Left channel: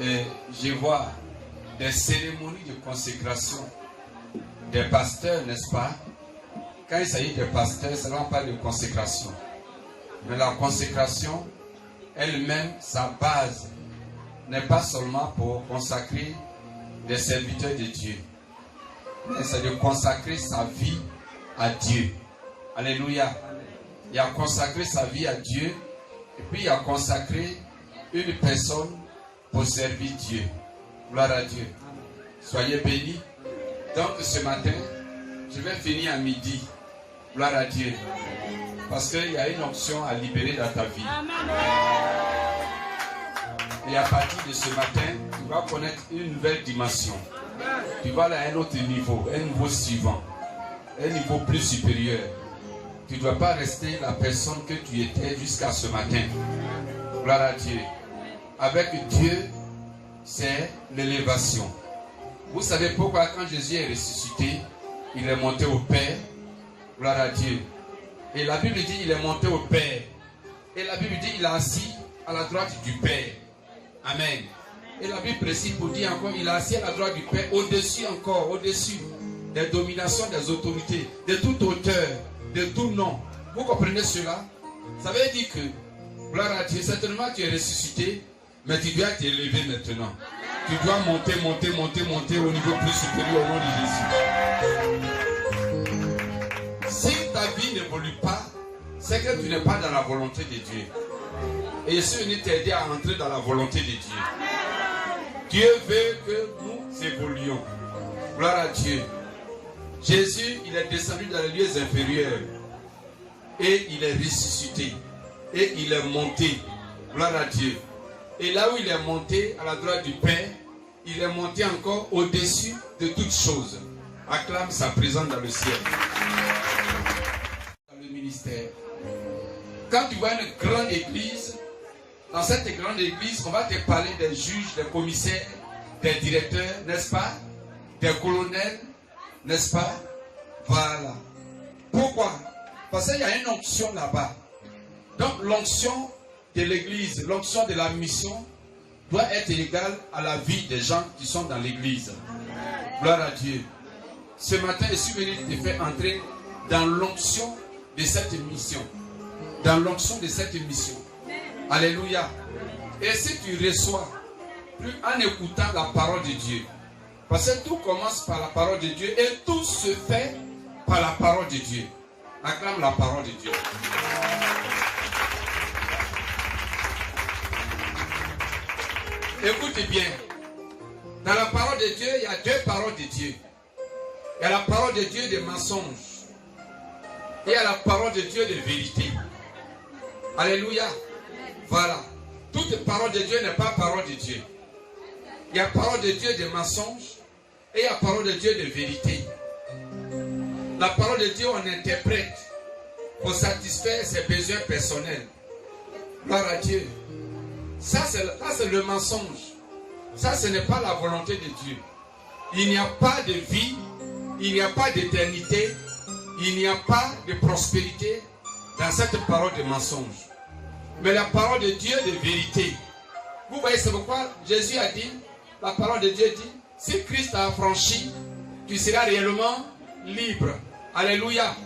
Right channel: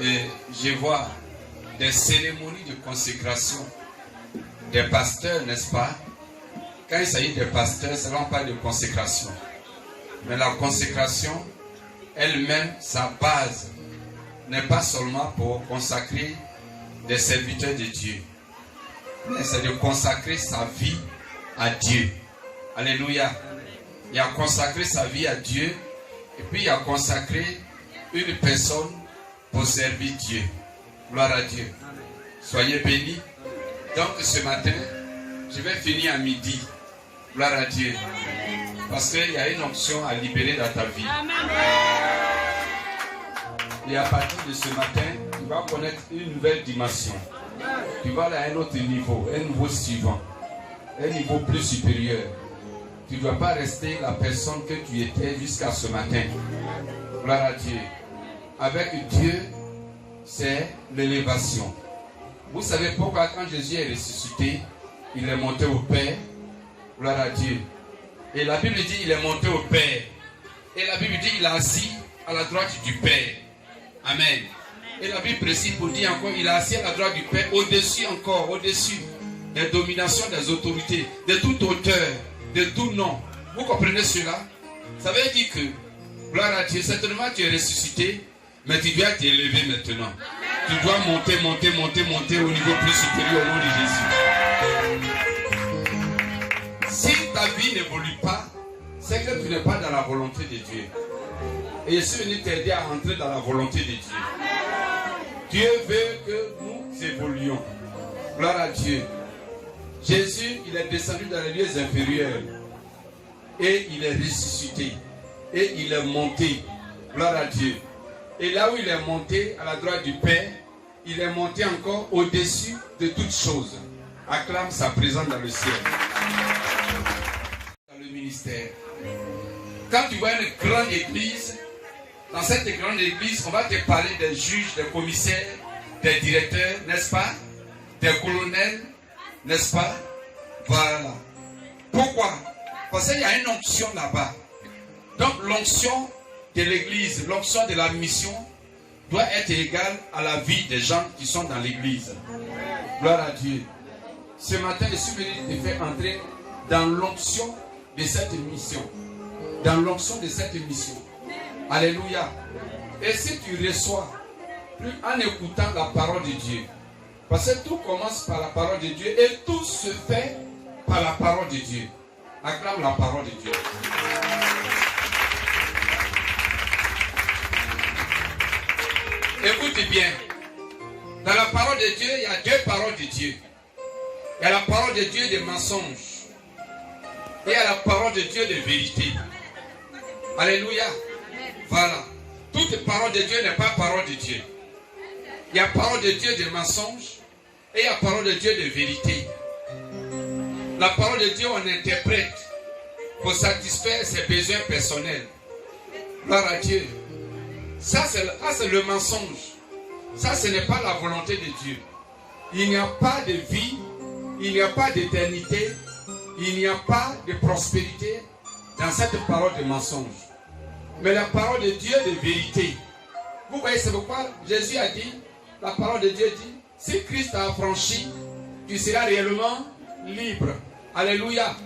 Et je vois des cérémonies de consécration des pasteurs, n'est-ce pas? Quand il s'agit des pasteurs, ça ne va pas de consécration. Mais la consécration, elle-même, sa base, n'est pas seulement pour consacrer des serviteurs de Dieu, mais c'est de consacrer sa vie à Dieu. Alléluia. Il a consacré sa vie à Dieu, et puis il a consacré une personne pour servir Dieu. Gloire à Dieu. Soyez bénis. Donc ce matin, je vais finir à midi. Gloire à Dieu. Parce qu'il y a une option à libérer dans ta vie. Et à partir de ce matin, tu vas connaître une nouvelle dimension. Tu vas aller à un autre niveau suivant, un niveau plus supérieur. Tu ne dois pas rester la personne que tu étais jusqu'à ce matin. Gloire à Dieu. Avec Dieu, c'est l'élévation. Vous savez pourquoi quand Jésus est ressuscité, il est monté au Père. Gloire à Dieu. Et la Bible dit il est monté au Père. Et la Bible dit il est assis à la droite du Père. Amen. Et la Bible précise pour dire encore il est assis à la droite du Père, au-dessus encore, au-dessus des dominations, des autorités, de toute hauteur, de tout nom. Vous comprenez cela? Ça veut dire que, gloire à Dieu, certainement tu es ressuscité, mais tu dois t'élever maintenant. Tu dois monter au niveau plus supérieur au nom de Jésus. Si ta vie n'évolue pas, c'est que tu n'es pas dans la volonté de Dieu. Et je suis venu t'aider à entrer dans la volonté de Dieu. Dieu veut que nous évoluions. Gloire à Dieu. Jésus, il est descendu dans les lieux inférieurs. Et il est ressuscité. Et il est monté. Gloire à Dieu. Et là où il est monté, à la droite du Père, il est monté encore au-dessus de toutes choses. Acclame sa présence dans le ciel. Dans le ministère. Quand tu vois une grande église, dans cette grande église, on va te parler des juges, des commissaires, des directeurs, n'est-ce pas? Des colonels, n'est-ce pas? Voilà. Pourquoi? Parce qu'il y a une onction là-bas. Donc l'onction de l'église, l'onction de la mission doit être égale à la vie des gens qui sont dans l'église. Gloire à Dieu. Ce matin, je suis venu te faire entrer dans l'onction de cette mission. Dans l'onction de cette mission. Alléluia. Et si tu reçois, plus en écoutant la parole de Dieu, parce que tout commence par la parole de Dieu et tout se fait par la parole de Dieu. Acclame la parole de Dieu. Écoutez bien. Dans la parole de Dieu, il y a deux paroles de Dieu. Il y a la parole de Dieu des mensonges. Et il y a la parole de Dieu de vérité. Alléluia. Voilà. Toute parole de Dieu n'est pas parole de Dieu. Il y a parole de Dieu de mensonges et il y a parole de Dieu de vérité. La parole de Dieu, on interprète pour satisfaire ses besoins personnels. Gloire à Dieu. Ça, c'est le mensonge. Ça, ce n'est pas la volonté de Dieu. Il n'y a pas de vie, il n'y a pas d'éternité, il n'y a pas de prospérité dans cette parole de mensonge. Mais la parole de Dieu de vérité. Vous voyez, c'est pourquoi Jésus a dit, la parole de Dieu dit, si Christ t'a affranchi, tu seras réellement libre. Alléluia.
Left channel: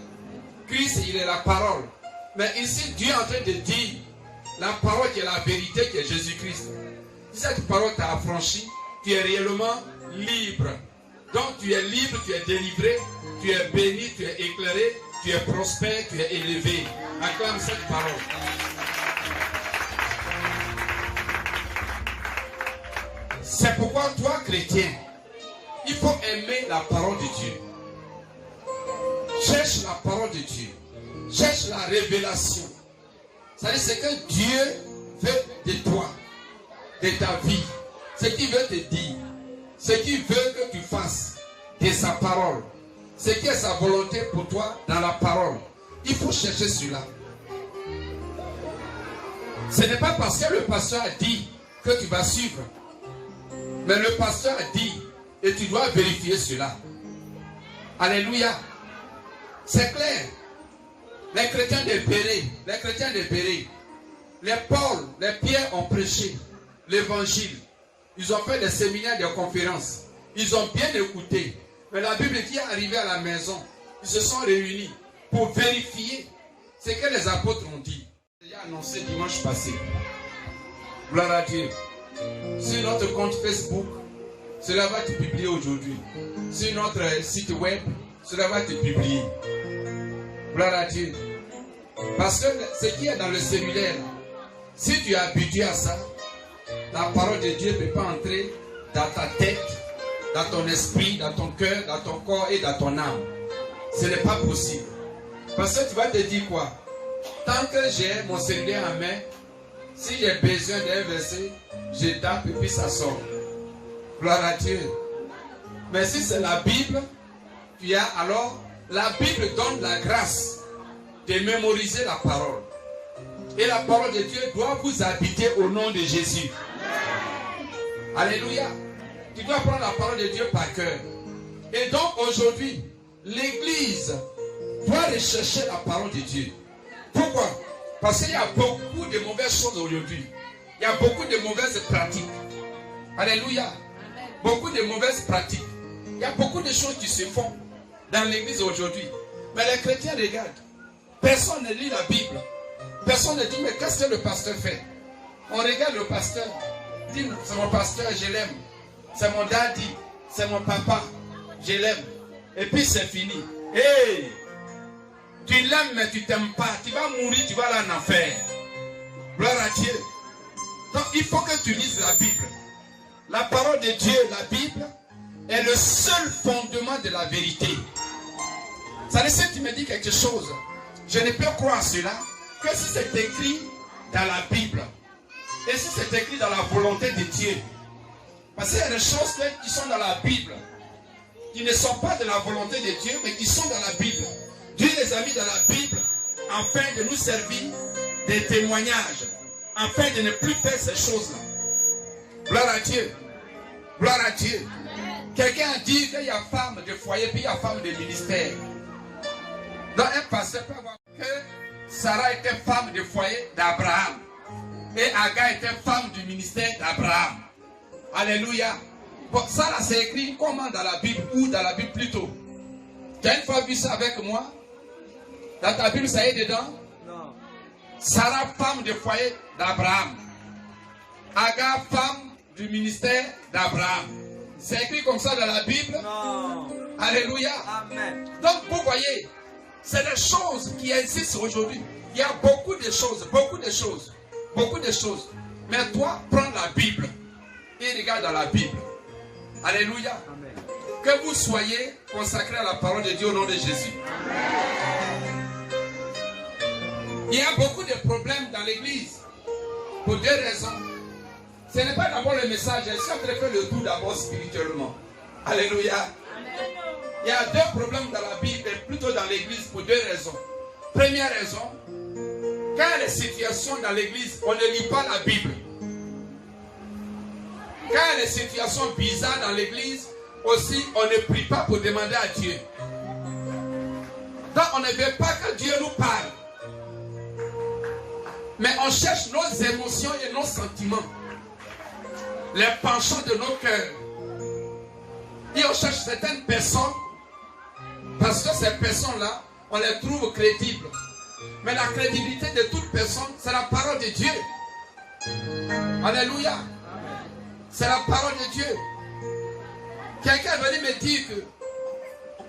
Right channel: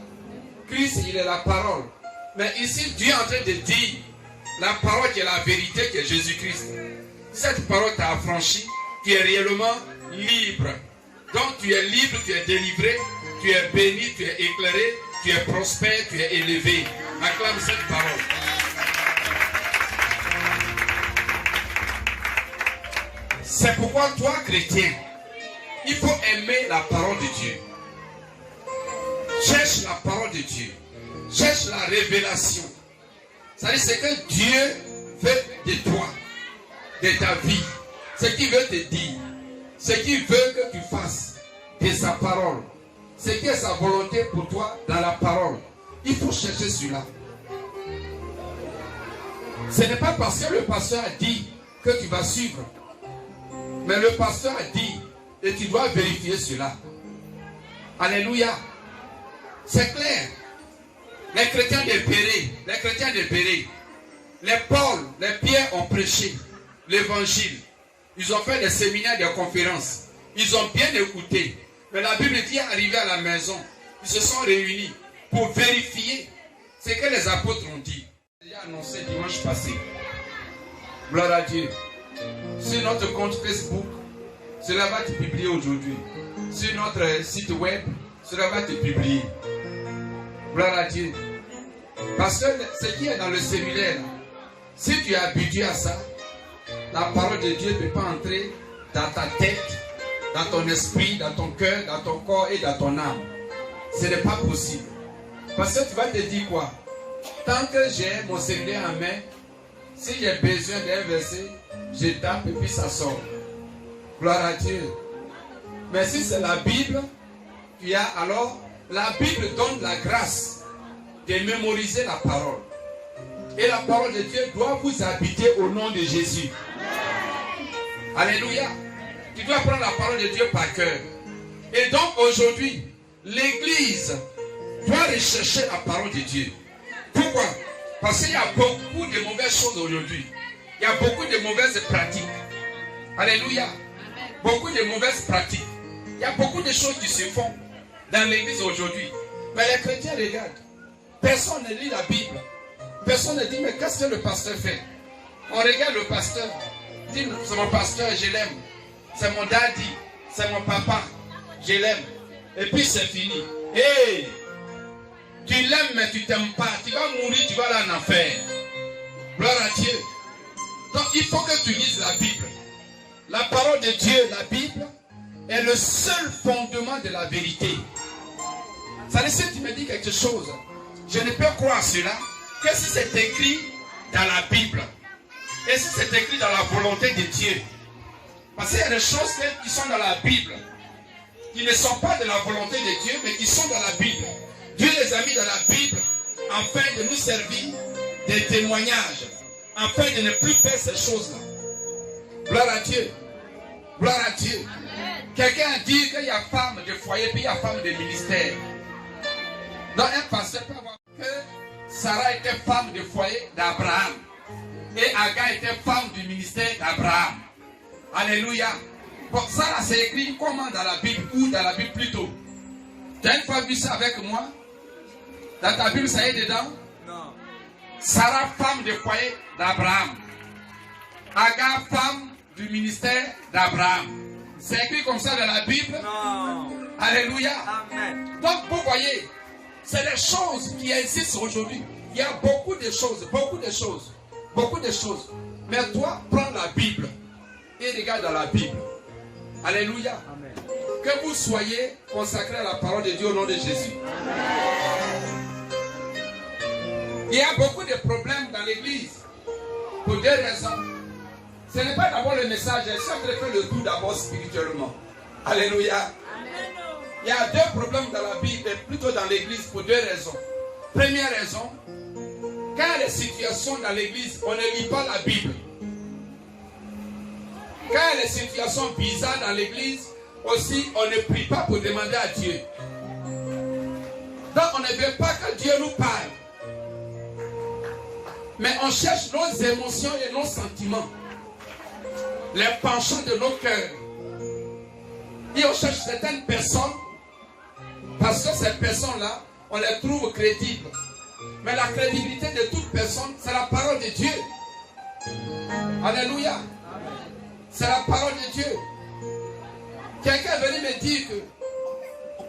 Christ, il est la parole. Mais ici, Dieu est en train de dire, la parole qui est la vérité, qui est Jésus-Christ. Cette parole t'a affranchi, tu es réellement libre. Donc tu es libre, tu es délivré, tu es béni, tu es éclairé, tu es prospère, tu es élevé. Acclame cette parole. C'est pourquoi toi, chrétien, il faut aimer la parole de Dieu. Cherche la parole de Dieu. Cherche la révélation. C'est-à-dire ce que Dieu veut de toi, de ta vie. Ce qu'il veut te dire. Ce qu'il veut que tu fasses de sa parole. Ce qui est sa volonté pour toi dans la parole. Il faut chercher cela. Ce n'est pas parce que le pasteur a dit que tu vas suivre. Mais le pasteur a dit, et tu dois vérifier cela. Alléluia. C'est clair. Les chrétiens de Béret, les Paul, les Pierre ont prêché l'évangile. Ils ont fait des séminaires, des conférences. Ils ont bien écouté. Mais la Bible dit, arrivé à la maison, ils se sont réunis pour vérifier ce que les apôtres ont dit. J'ai annoncé dimanche passé. Gloire à Dieu. Sur notre compte Facebook, cela va être publié aujourd'hui. Sur notre site web, cela va être publié. Gloire à Dieu. Parce que ce qui est dans le cellulaire, si tu es habitué à ça, la parole de Dieu ne peut pas entrer dans ta tête, dans ton esprit, dans ton cœur, dans ton corps et dans ton âme. Ce n'est pas possible. Parce que tu vas te dire quoi? Tant que j'ai mon cellulaire en main, si j'ai besoin d'un verset, je tape et puis ça sort. Gloire à Dieu. Mais si c'est la Bible, alors la Bible donne la grâce de mémoriser la parole. Et la parole de Dieu doit vous habiter au nom de Jésus. Alléluia. Tu dois prendre la parole de Dieu par cœur. Et donc aujourd'hui, l'Église doit rechercher la parole de Dieu. Pourquoi? Parce qu'il y a beaucoup de mauvaises choses aujourd'hui. Il y a beaucoup de mauvaises pratiques. Alléluia. Beaucoup de mauvaises pratiques. Il y a beaucoup de choses qui se font dans l'Église aujourd'hui. Mais les chrétiens regardent. Personne ne lit la Bible. Personne ne dit, mais qu'est-ce que le pasteur fait? On regarde le pasteur. Il dit, c'est mon pasteur, je l'aime. C'est mon daddy, c'est mon papa, je l'aime. Et puis c'est fini. Hey! Tu l'aimes mais tu t'aimes pas. Tu vas mourir, tu vas aller en enfer. Gloire à Dieu. Donc il faut que tu lises la Bible. La parole de Dieu, la Bible, est le seul fondement de la vérité. Ça laisse, tu me dis quelque chose. Je ne peux croire cela que si c'est écrit dans la Bible. Et si c'est écrit dans la volonté de Dieu. Parce qu'il y a des choses qui sont dans la Bible, qui ne sont pas de la volonté de Dieu, mais qui sont dans la Bible. Dieu les a mis dans la Bible afin de nous servir des témoignages, afin de ne plus faire ces choses-là. Gloire à Dieu. Gloire à Dieu. Quelqu'un a dit qu'il y a femme de foyer, puis il y a femme de ministère. Donc un pasteur peut avoir que Sarah était femme de foyer d'Abraham. Et Agar était femme du ministère d'Abraham. Alléluia. Bon, ça là c'est écrit comment dans la Bible ou dans la Bible plutôt? Tu as une fois vu ça avec moi? Dans ta Bible ça y est dedans? Non. Sarah femme de foyer d'Abraham. Agar femme du ministère d'Abraham. C'est écrit comme ça dans la Bible? Non. Alléluia. Amen. Donc vous voyez, c'est des choses qui existent aujourd'hui. Il y a beaucoup de choses, beaucoup de choses, beaucoup de choses. Mais toi, prends la Bible et regarde dans la Bible. Alléluia. Amen. Que vous soyez consacrés à la parole de Dieu au nom de Jésus. Amen. Il y a beaucoup de problèmes dans l'église pour deux raisons. Ce n'est pas d'abord le message, c'est en train de faire le tout d'abord spirituellement. Alléluia. Amen. Il y a deux problèmes dans la Bible, plutôt dans l'église, pour deux raisons. Première raison, quand il y a des situations dans l'église, on ne lit pas la Bible. Quand il y a des situations bizarres dans l'église, aussi, on ne prie pas pour demander à Dieu. Donc, on ne veut pas que Dieu nous parle. Mais on cherche nos émotions et nos sentiments. Les penchants de nos cœurs. Et on cherche certaines personnes, parce que ces personnes-là, on les trouve crédibles. Mais la crédibilité de toute personne, c'est la parole de Dieu. Alléluia. C'est la parole de Dieu. Quelqu'un est venu me dire que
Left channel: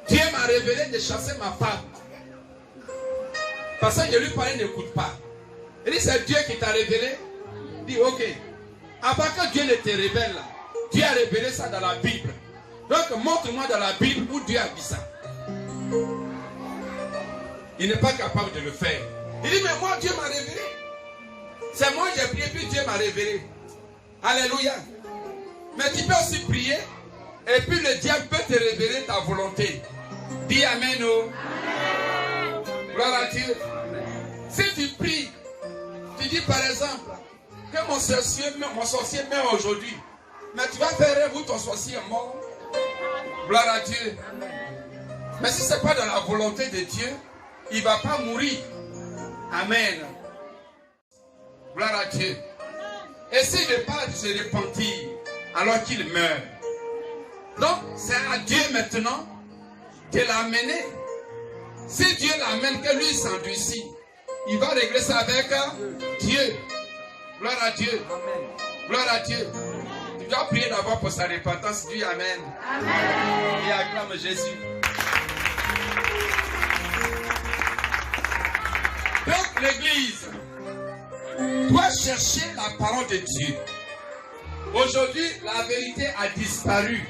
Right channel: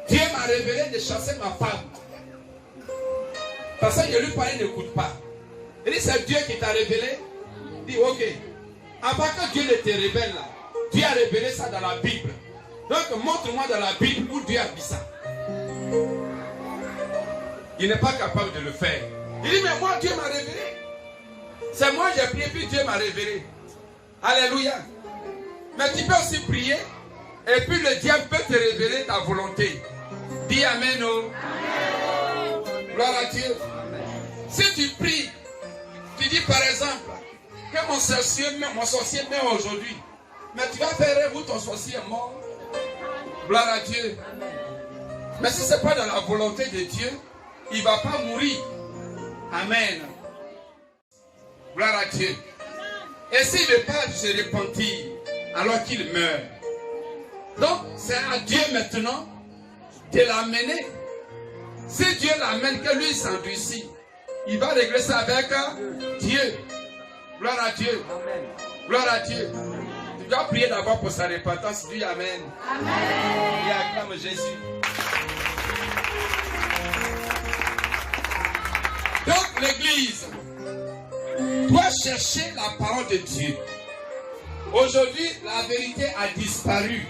Dieu m'a révélé de chasser ma femme. Parce que je lui parlais, il n'écoute pas. Il dit, c'est Dieu qui t'a révélé. Il dit, ok. Avant que Dieu ne te révèle là, Dieu a révélé ça dans la Bible. Donc montre-moi dans la Bible où Dieu a dit ça. Il n'est pas capable de le faire. Il dit, mais moi Dieu m'a révélé. C'est moi j'ai prié, puis Dieu m'a révélé. Alléluia. Mais tu peux aussi prier, et puis le diable peut te révéler ta volonté. Dis Amen. Oh. Amen. Gloire à Dieu. Amen. Si tu pries, tu dis par exemple, que mon sorcier meurt aujourd'hui. Mais tu vas faire rêve où ton sorcier est mort. Gloire à Dieu. Amen. Mais si ce n'est pas dans la volonté de Dieu, il ne va pas mourir. Amen. Gloire à Dieu. Et s'il ne veut pas se repentir, alors qu'il meurt. Donc, c'est à Dieu maintenant de l'amener. Si Dieu l'amène, que lui s'endurcit, il va régler ça avec Dieu. Gloire à Dieu. Amen. Gloire à Dieu. Amen. Tu dois prier d'abord pour sa repentance. Dis Amen. Amen. Et acclame Jésus. Donc l'église doit chercher la parole de Dieu. Aujourd'hui, la vérité a disparu.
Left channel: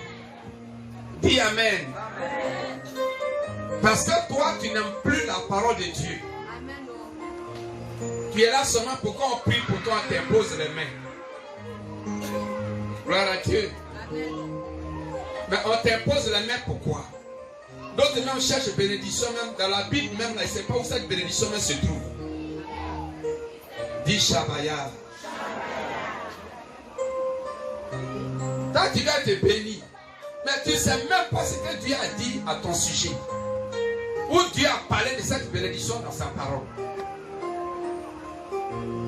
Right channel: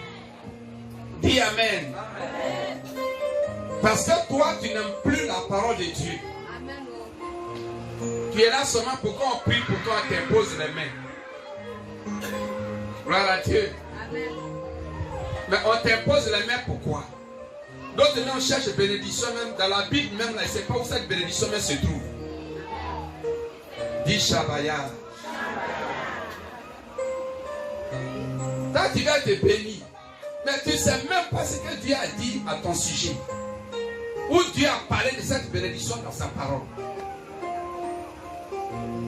Dis Amen. Amen. Parce que toi, tu n'aimes plus la parole de Dieu. Amen. Tu es là seulement pour qu'on prie pour toi, on t'impose les mains. Gloire à Dieu. Amen. Mais on t'impose les mains pourquoi? D'autres gens cherchent bénédiction même dans la Bible même là, ils ne savent pas où cette bénédiction même se trouve. Dis Shabaya. Toi tu vas être béni, mais tu ne sais même pas ce que Dieu a dit à ton sujet. Où Dieu a parlé de cette bénédiction dans sa parole.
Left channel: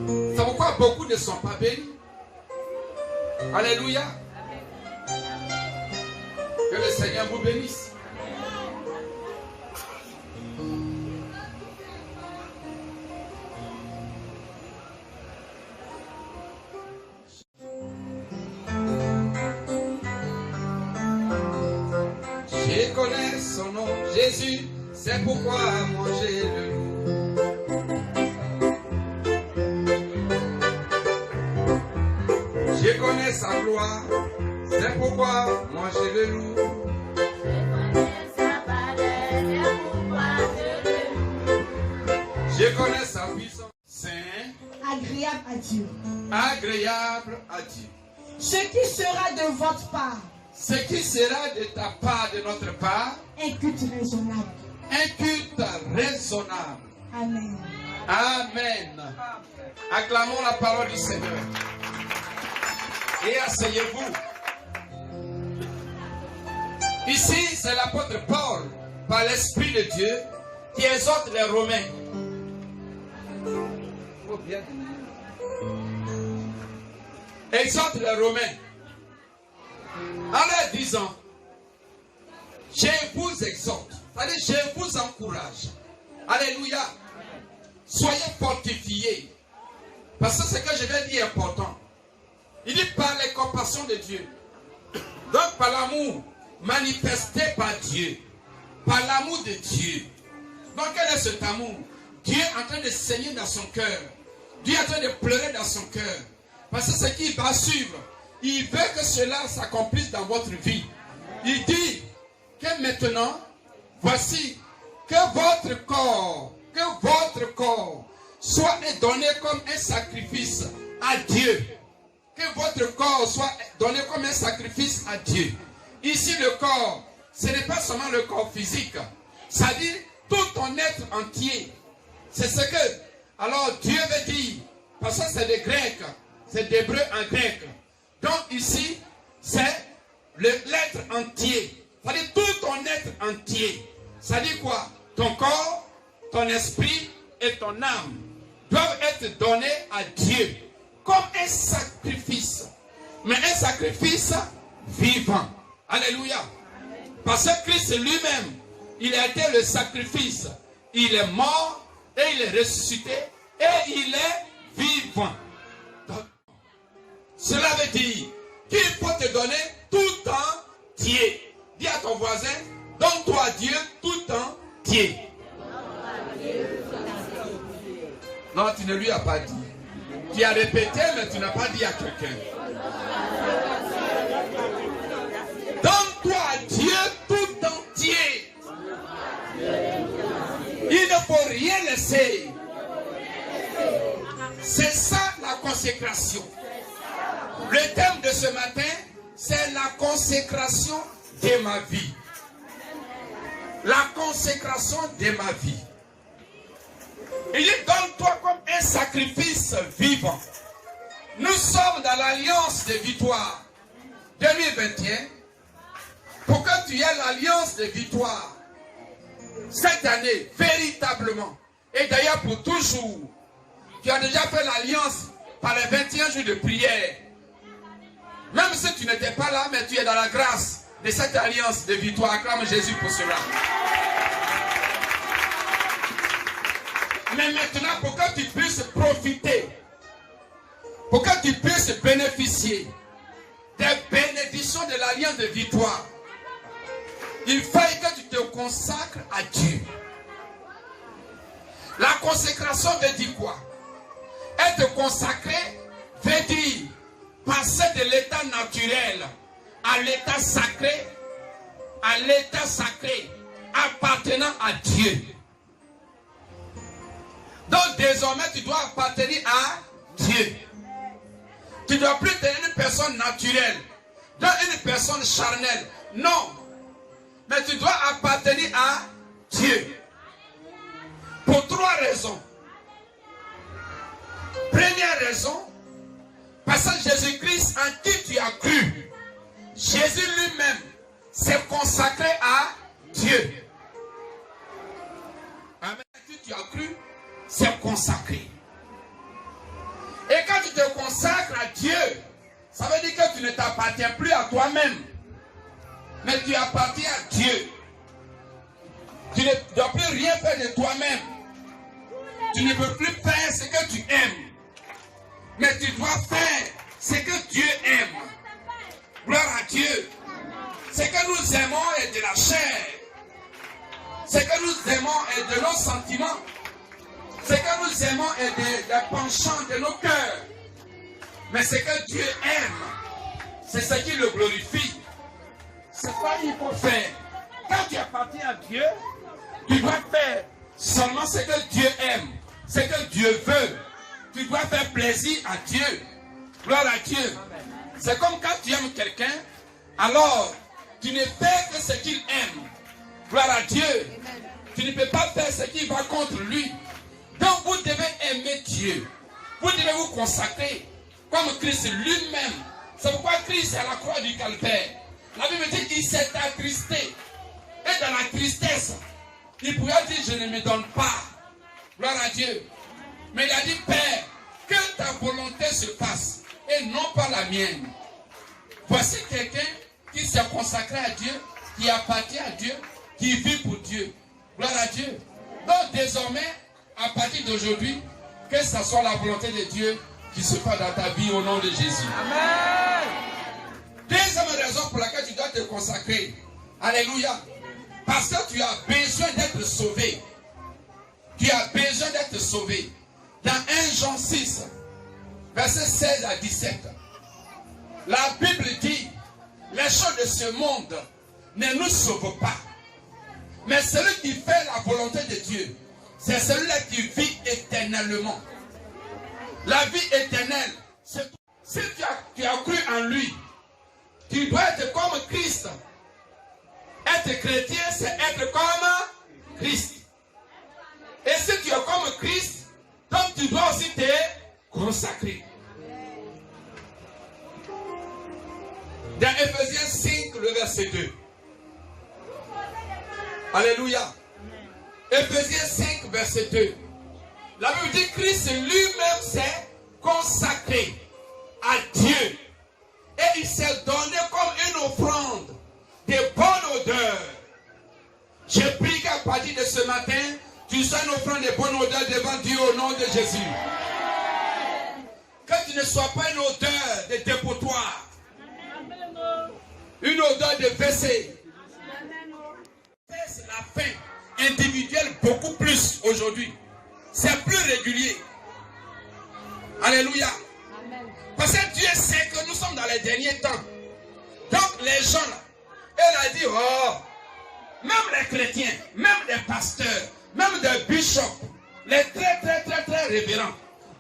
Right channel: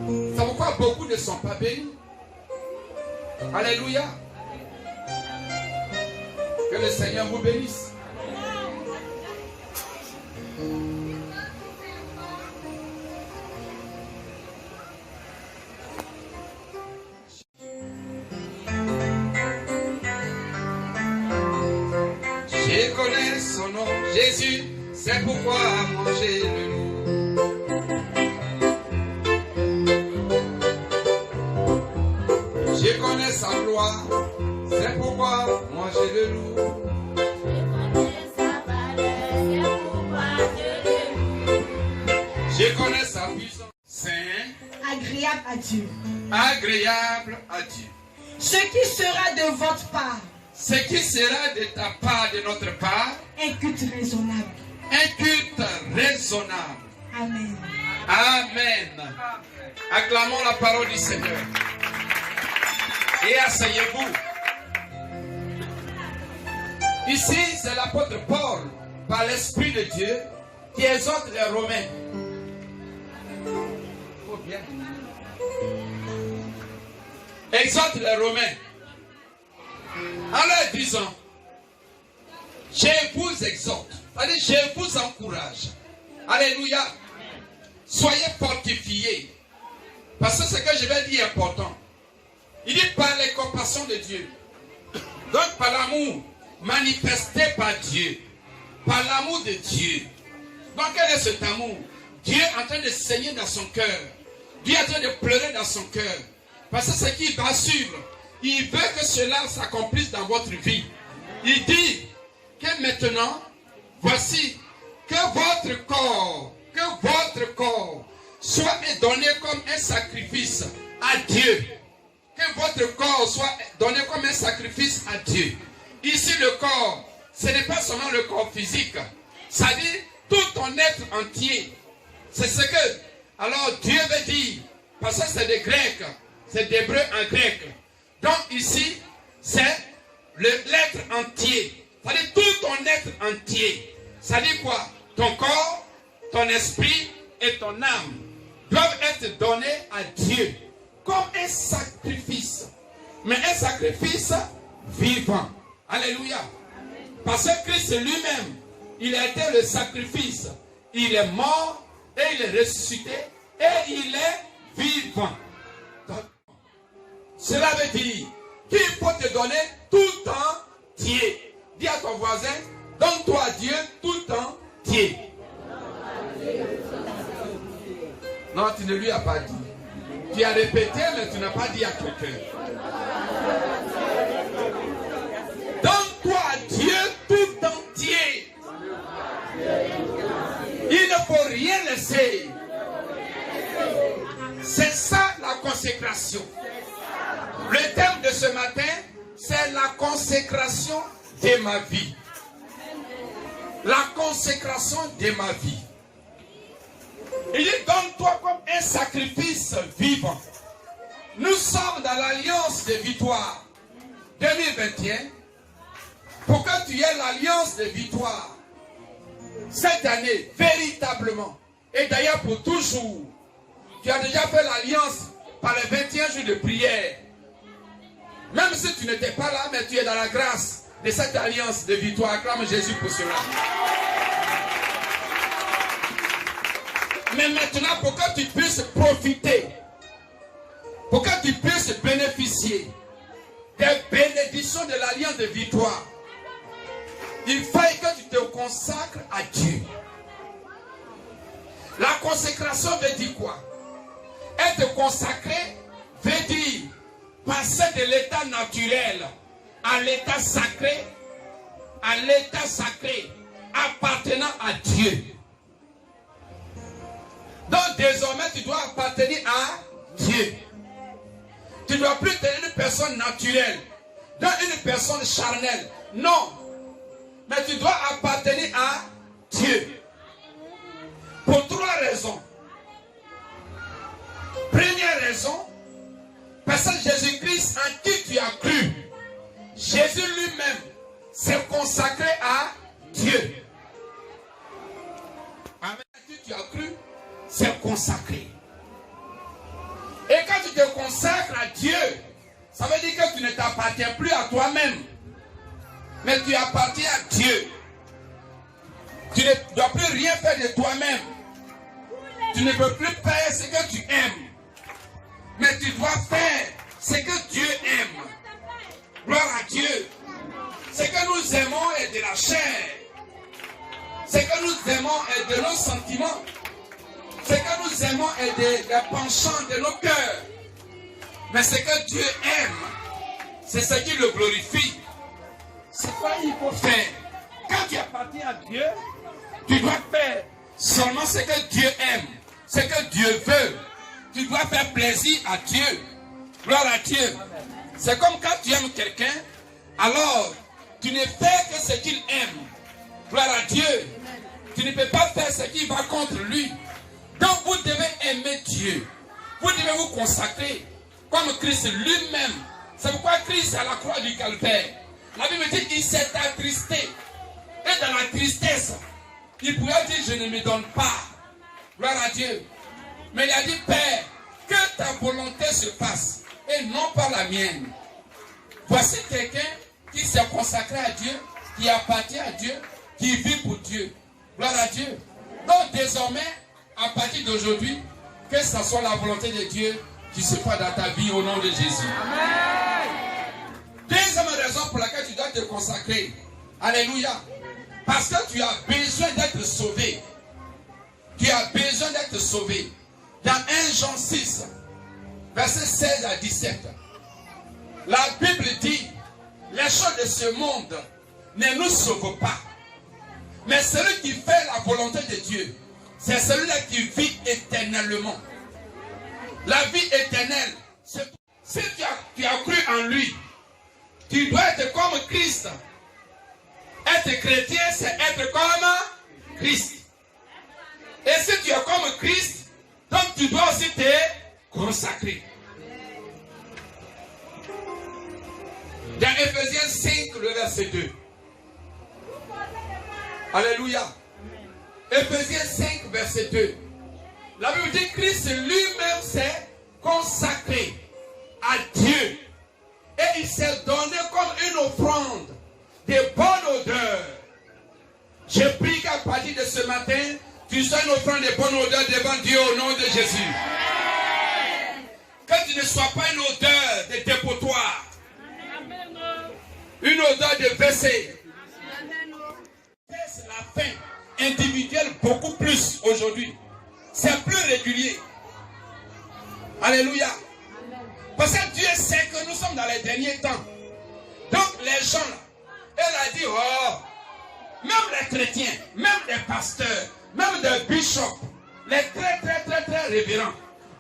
C'est pourquoi beaucoup ne sont pas bénis. Alléluia. Que le Seigneur vous bénisse. Je connais son nom, Jésus, c'est pourquoi manger le loup. Je connais sa gloire, c'est pourquoi manger le loup. Je connais sa puissance, saint, agréable à Dieu. Agréable à Dieu. Ce qui sera de votre part. Ce qui sera de ta part, de notre part. Un culte raisonnable. Un culte raisonnable. Amen. Amen. Acclamons la parole du Seigneur. Et asseyez-vous. Ici, c'est l'apôtre Paul, par l'Esprit de Dieu, qui exhorte les Romains. Exhorte les Romains en leur disant, je vous exhorte, c'est-à-dire je vous encourage. Alléluia. Soyez fortifiés. Parce que ce que je vais dire est important. Il dit par les compassions de Dieu. Donc par l'amour manifesté par Dieu. Par l'amour de Dieu. Donc quel est cet amour? Dieu est en train de saigner dans son cœur. Dieu est en train de pleurer dans son cœur. Parce que ce qui va suivre, il veut que cela s'accomplisse dans votre vie. Il dit que maintenant, voici que votre corps soit donné comme un sacrifice à Dieu. Que votre corps soit donné comme un sacrifice à Dieu. Ici le corps, ce n'est pas seulement le corps physique. Ça dit tout ton être entier. C'est ce que, alors Dieu veut dire, parce que c'est des Grecs, c'est d'hébreu en grec. Donc ici, c'est l'être entier. Ça dit tout ton être entier. Ça dit quoi? Ton corps, ton esprit et ton âme doivent être donnés à Dieu comme un sacrifice. Mais un sacrifice vivant. Alléluia. Parce que Christ lui-même, il a été le sacrifice. Il est mort et il est ressuscité et il est vivant. Donc, cela veut dire qu'il faut te donner tout entier. Dis à ton voisin, donne-toi à Dieu tout entier. Non, tu ne lui as pas dit. Tu as répété, mais tu n'as pas dit à quelqu'un. Donne-toi à Dieu tout entier. Il ne faut rien laisser. C'est ça la consécration. Le thème de ce matin, c'est la consécration de ma vie. La consécration de ma vie. Il dit, donne-toi comme un sacrifice vivant. Nous sommes dans l'alliance de victoire 2021. Pour que tu aies l'alliance de victoire cette année, véritablement, et d'ailleurs pour toujours, tu as déjà fait l'alliance par les 21 jours de prière. Même si tu n'étais pas là, mais tu es dans la grâce de cette alliance de victoire. Acclame Jésus pour cela. Mais maintenant, pour que tu puisses profiter, pour que tu puisses bénéficier des bénédictions de l'alliance de victoire, il faut que tu te consacres à Dieu. La consécration veut dire quoi? Être consacré veut dire passer de l'état naturel à l'état sacré, appartenant à Dieu. Donc désormais tu dois appartenir à Dieu. Tu ne dois plus être une personne naturelle, donc une personne charnelle. Non. Mais tu dois appartenir à Dieu. Pour 3 raisons. Première raison, parce que Jésus-Christ en qui tu as cru, Jésus lui-même s'est consacré à Dieu. Amen. En qui tu as cru, s'est consacré. Et quand tu te consacres à Dieu, ça veut dire que tu ne t'appartiens plus à toi-même, mais tu appartiens à Dieu. Tu ne dois plus rien faire de toi-même. Tu ne peux plus faire ce que tu aimes, mais tu dois faire ce que Dieu aime. Gloire à Dieu. Ce que nous aimons est de la chair. Ce que nous aimons est de nos sentiments. Ce que nous aimons est des penchants de nos cœurs. Mais ce que Dieu aime, c'est ce qui le glorifie. C'est quoi il faut faire. Quand tu appartiens à Dieu, tu dois faire seulement ce que Dieu aime, ce que Dieu veut. Tu dois faire plaisir à Dieu. Gloire à Dieu. C'est comme quand tu aimes quelqu'un, alors tu ne fais que ce qu'il aime. Gloire à Dieu. Tu ne peux pas faire ce qui va contre lui. Donc vous devez aimer Dieu. Vous devez vous consacrer comme Christ lui-même. C'est pourquoi Christ à la croix du calvaire, la Bible dit qu'il s'est attristé. Et dans la tristesse, il pourrait dire je ne me donne pas. Gloire à Dieu. Mais il a dit Père, que ta volonté se fasse et non pas la mienne. Voici quelqu'un qui s'est consacré à Dieu, qui appartient à Dieu, qui vit pour Dieu. Gloire à Dieu. Donc désormais, à partir d'aujourd'hui, que ce soit la volonté de Dieu qui se fasse dans ta vie au nom de Jésus. Amen. Deuxième raison pour laquelle tu dois te consacrer. Alléluia. Parce que tu as besoin d'être sauvé. Tu as besoin d'être sauvé. Dans 1 Jean 6, versets 16 à 17, la Bible dit, les choses de ce monde ne nous sauvent pas. Mais celui qui fait la volonté de Dieu, c'est celui-là qui vit éternellement. La vie éternelle, c'est tout. Si tu as cru en lui, tu dois être comme Christ. Être chrétien, c'est être comme Christ. Et si tu es comme Christ, donc tu dois aussi te consacrer. Dans Ephésiens 5, le verset 2. Alléluia. Ephésiens 5, verset 2. La Bible dit Christ lui-même s'est consacré à Dieu. Et il s'est donné comme une offrande de bonne odeur. Je prie qu'à partir de ce matin, tu sois une offrande de bonne odeur devant Dieu au nom de Jésus. Que tu ne sois pas une odeur de dépotoir. Une odeur de WC. C'est la faim individuelle beaucoup plus aujourd'hui. C'est plus régulier. Alléluia. Parce que Dieu sait que nous sommes dans les derniers temps. Donc les gens là, elle a dit, oh, même les chrétiens, même les pasteurs, même des bishops, les très révérends,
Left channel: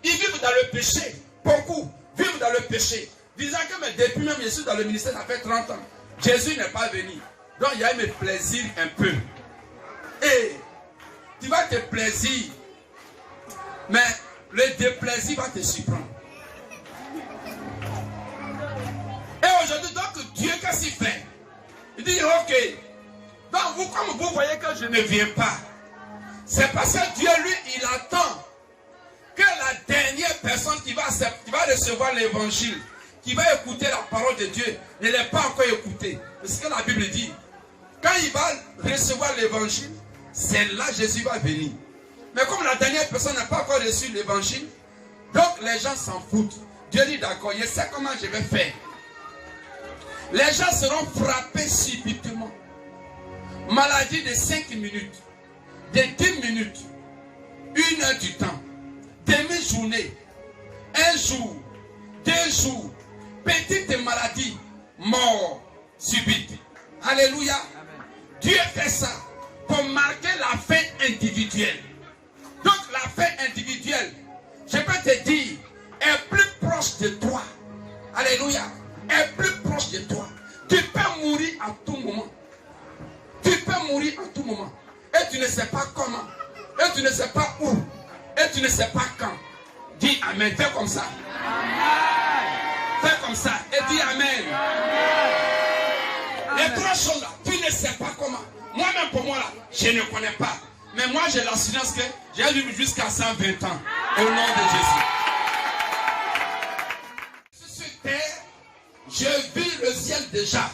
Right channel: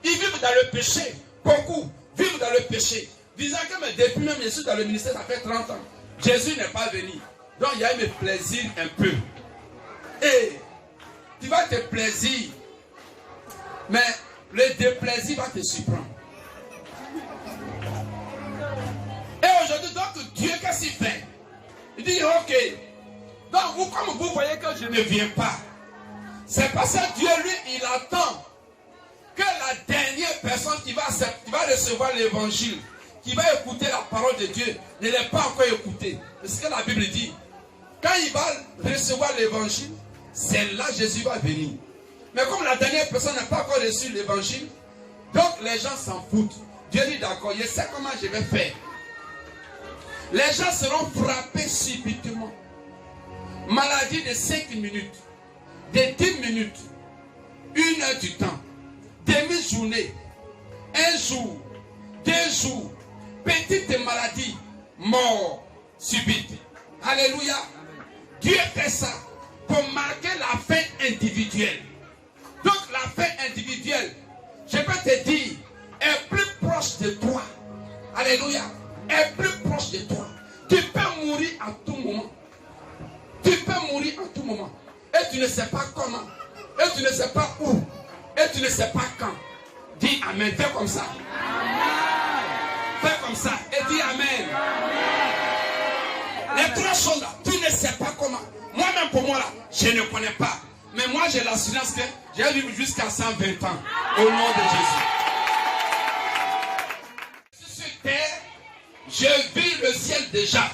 ils vivent dans le péché. Beaucoup vivent dans le péché. Disant que mais depuis même je suis dans le ministère, ça fait 30 ans. Jésus n'est pas venu. Donc il y a eu mes plaisirs un peu. Et tu vas te plaisir. Mais le déplaisir va te surprendre. Et aujourd'hui, donc Dieu, qu'est-ce qu'il fait? Il dit, ok. Donc vous, comme vous voyez que je ne viens pas, c'est parce que Dieu, lui, il attend que la dernière personne qui va recevoir l'évangile, qui va écouter la parole de Dieu ne l'a pas encore écouté. C'est ce que la Bible dit. Quand il va recevoir l'évangile, c'est là que Jésus va venir. Mais comme la dernière personne n'a pas encore reçu l'évangile, donc les gens s'en foutent. Dieu dit d'accord, je sais comment je vais faire. Les gens seront frappés subitement. Maladie de 5 minutes, de 10 minutes, 1 heure du temps, demi-journée, 1 jour, 2 jours, petite maladie, mort subite. Alléluia. Dieu fait ça pour marquer la fin individuelle. Donc la fin individuelle, je peux te dire, est plus proche de toi. Alléluia. Est plus proche de toi. Tu peux mourir à tout moment. Tu peux mourir à tout moment. Et tu ne sais pas comment. Et tu ne sais pas où. Et tu ne sais pas quand. Dis Amen. Fais comme ça. Amen. Fais comme ça. Et dis Amen. Amen. Les 3 choses là, tu ne sais pas comment. Moi-même pour moi là, je ne connais pas. Mais moi j'ai l'assurance que j'ai vécu jusqu'à 120 ans. Au nom de Jésus. Sur terre, je vis le ciel déjà.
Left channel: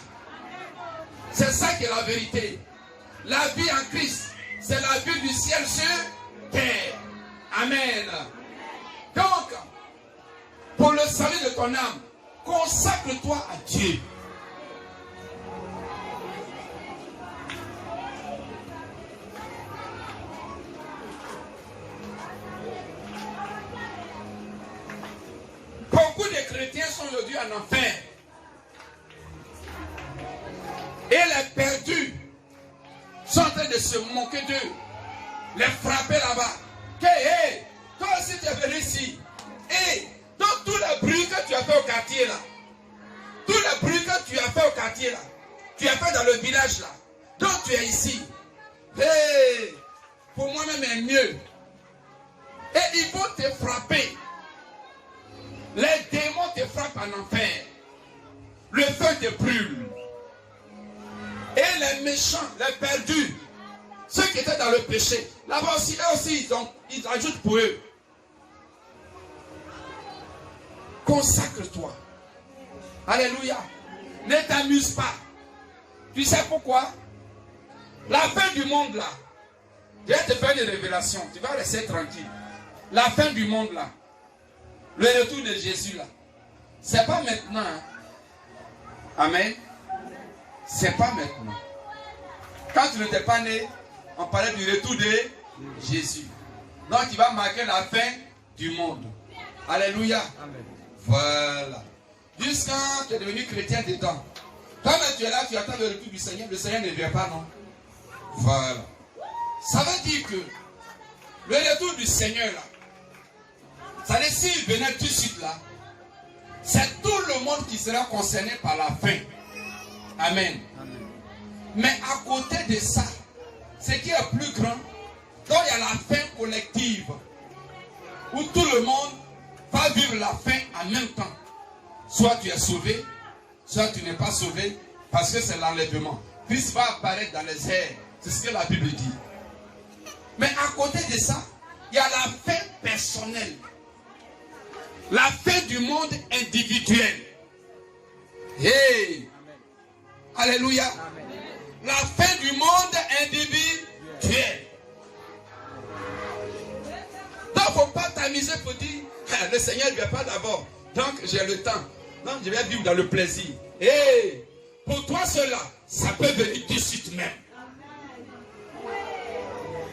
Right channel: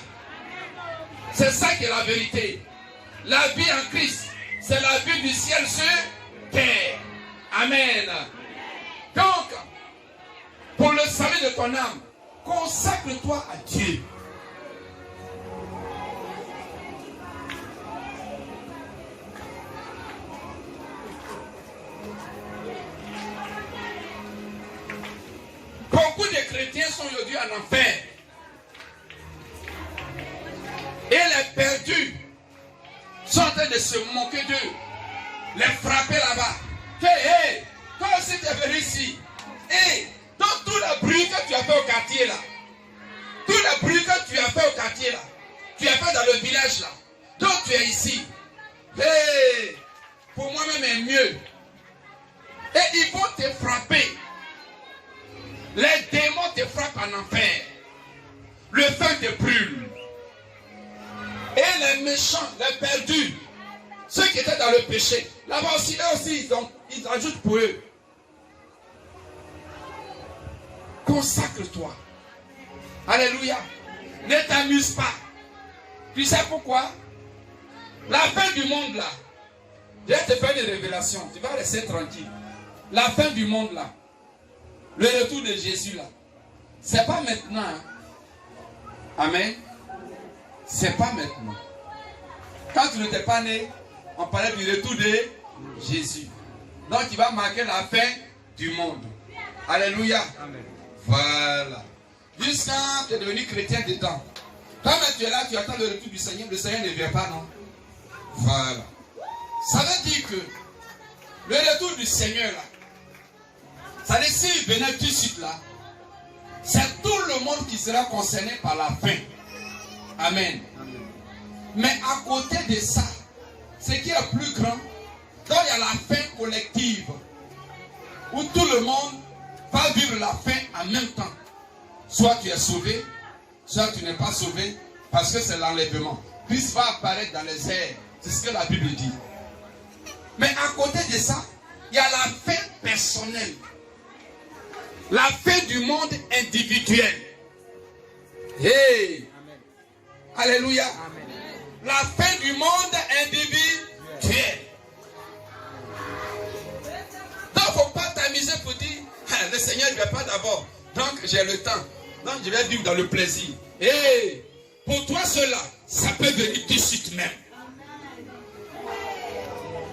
C'est ça qui est la vérité. La vie en Christ, c'est la vie du ciel sur terre. Amen. Donc, pour le salut de ton âme, consacre-toi à Dieu. Beaucoup de chrétiens sont aujourd'hui en enfer. Et les perdus sont en train de se moquer d'eux, les frapper là-bas. Que, hey, toi aussi tu es venu ici. Et donc tout le bruit que tu as fait au quartier là, tout le bruit que tu as fait au quartier là, tu as fait dans le village là, donc tu es ici. Hey, pour moi-même est mieux. Et ils vont te frapper. Les démons te frappent en enfer. Le feu te brûle. Et les méchants, les perdus, ceux qui étaient dans le péché, là-bas aussi, eux aussi, ils ajoutent pour eux. Consacre-toi. Alléluia. Ne t'amuse pas. Tu sais pourquoi? La fin du monde là, je vais te faire une révélation. Tu vas rester tranquille. La fin du monde là, le retour de Jésus là, c'est pas maintenant. Hein. Amen. C'est pas maintenant. Quand tu n'étais pas né, on parlait du retour de Jésus. Donc il va marquer la fin du monde. Alléluia. Amen. Voilà. Jusqu'à tu es devenu chrétien dedans. Quand tu es là, tu attends le retour du Seigneur. Le Seigneur ne vient pas, non? Voilà. Ça veut dire que le retour du Seigneur là, ça veut dire s'il venait tout de suite là, c'est tout le monde qui sera concerné par la fin. Amen. Mais à côté de ça, ce qui est plus grand, donc il y a la fin collective, où tout le monde va vivre la fin en même temps. Soit tu es sauvé, soit tu n'es pas sauvé, parce que c'est l'enlèvement. Christ va apparaître dans les airs. C'est ce que la Bible dit. Mais à côté de ça, il y a la fin personnelle. La fin du monde individuel. Hey! Alléluia. Amen. La fin du monde individuel. Donc, il ne faut pas t'amuser pour dire, le Seigneur ne vient pas d'abord. Donc, j'ai le temps. Donc, je vais vivre dans le plaisir. Et pour toi, cela, ça peut venir tout de suite même.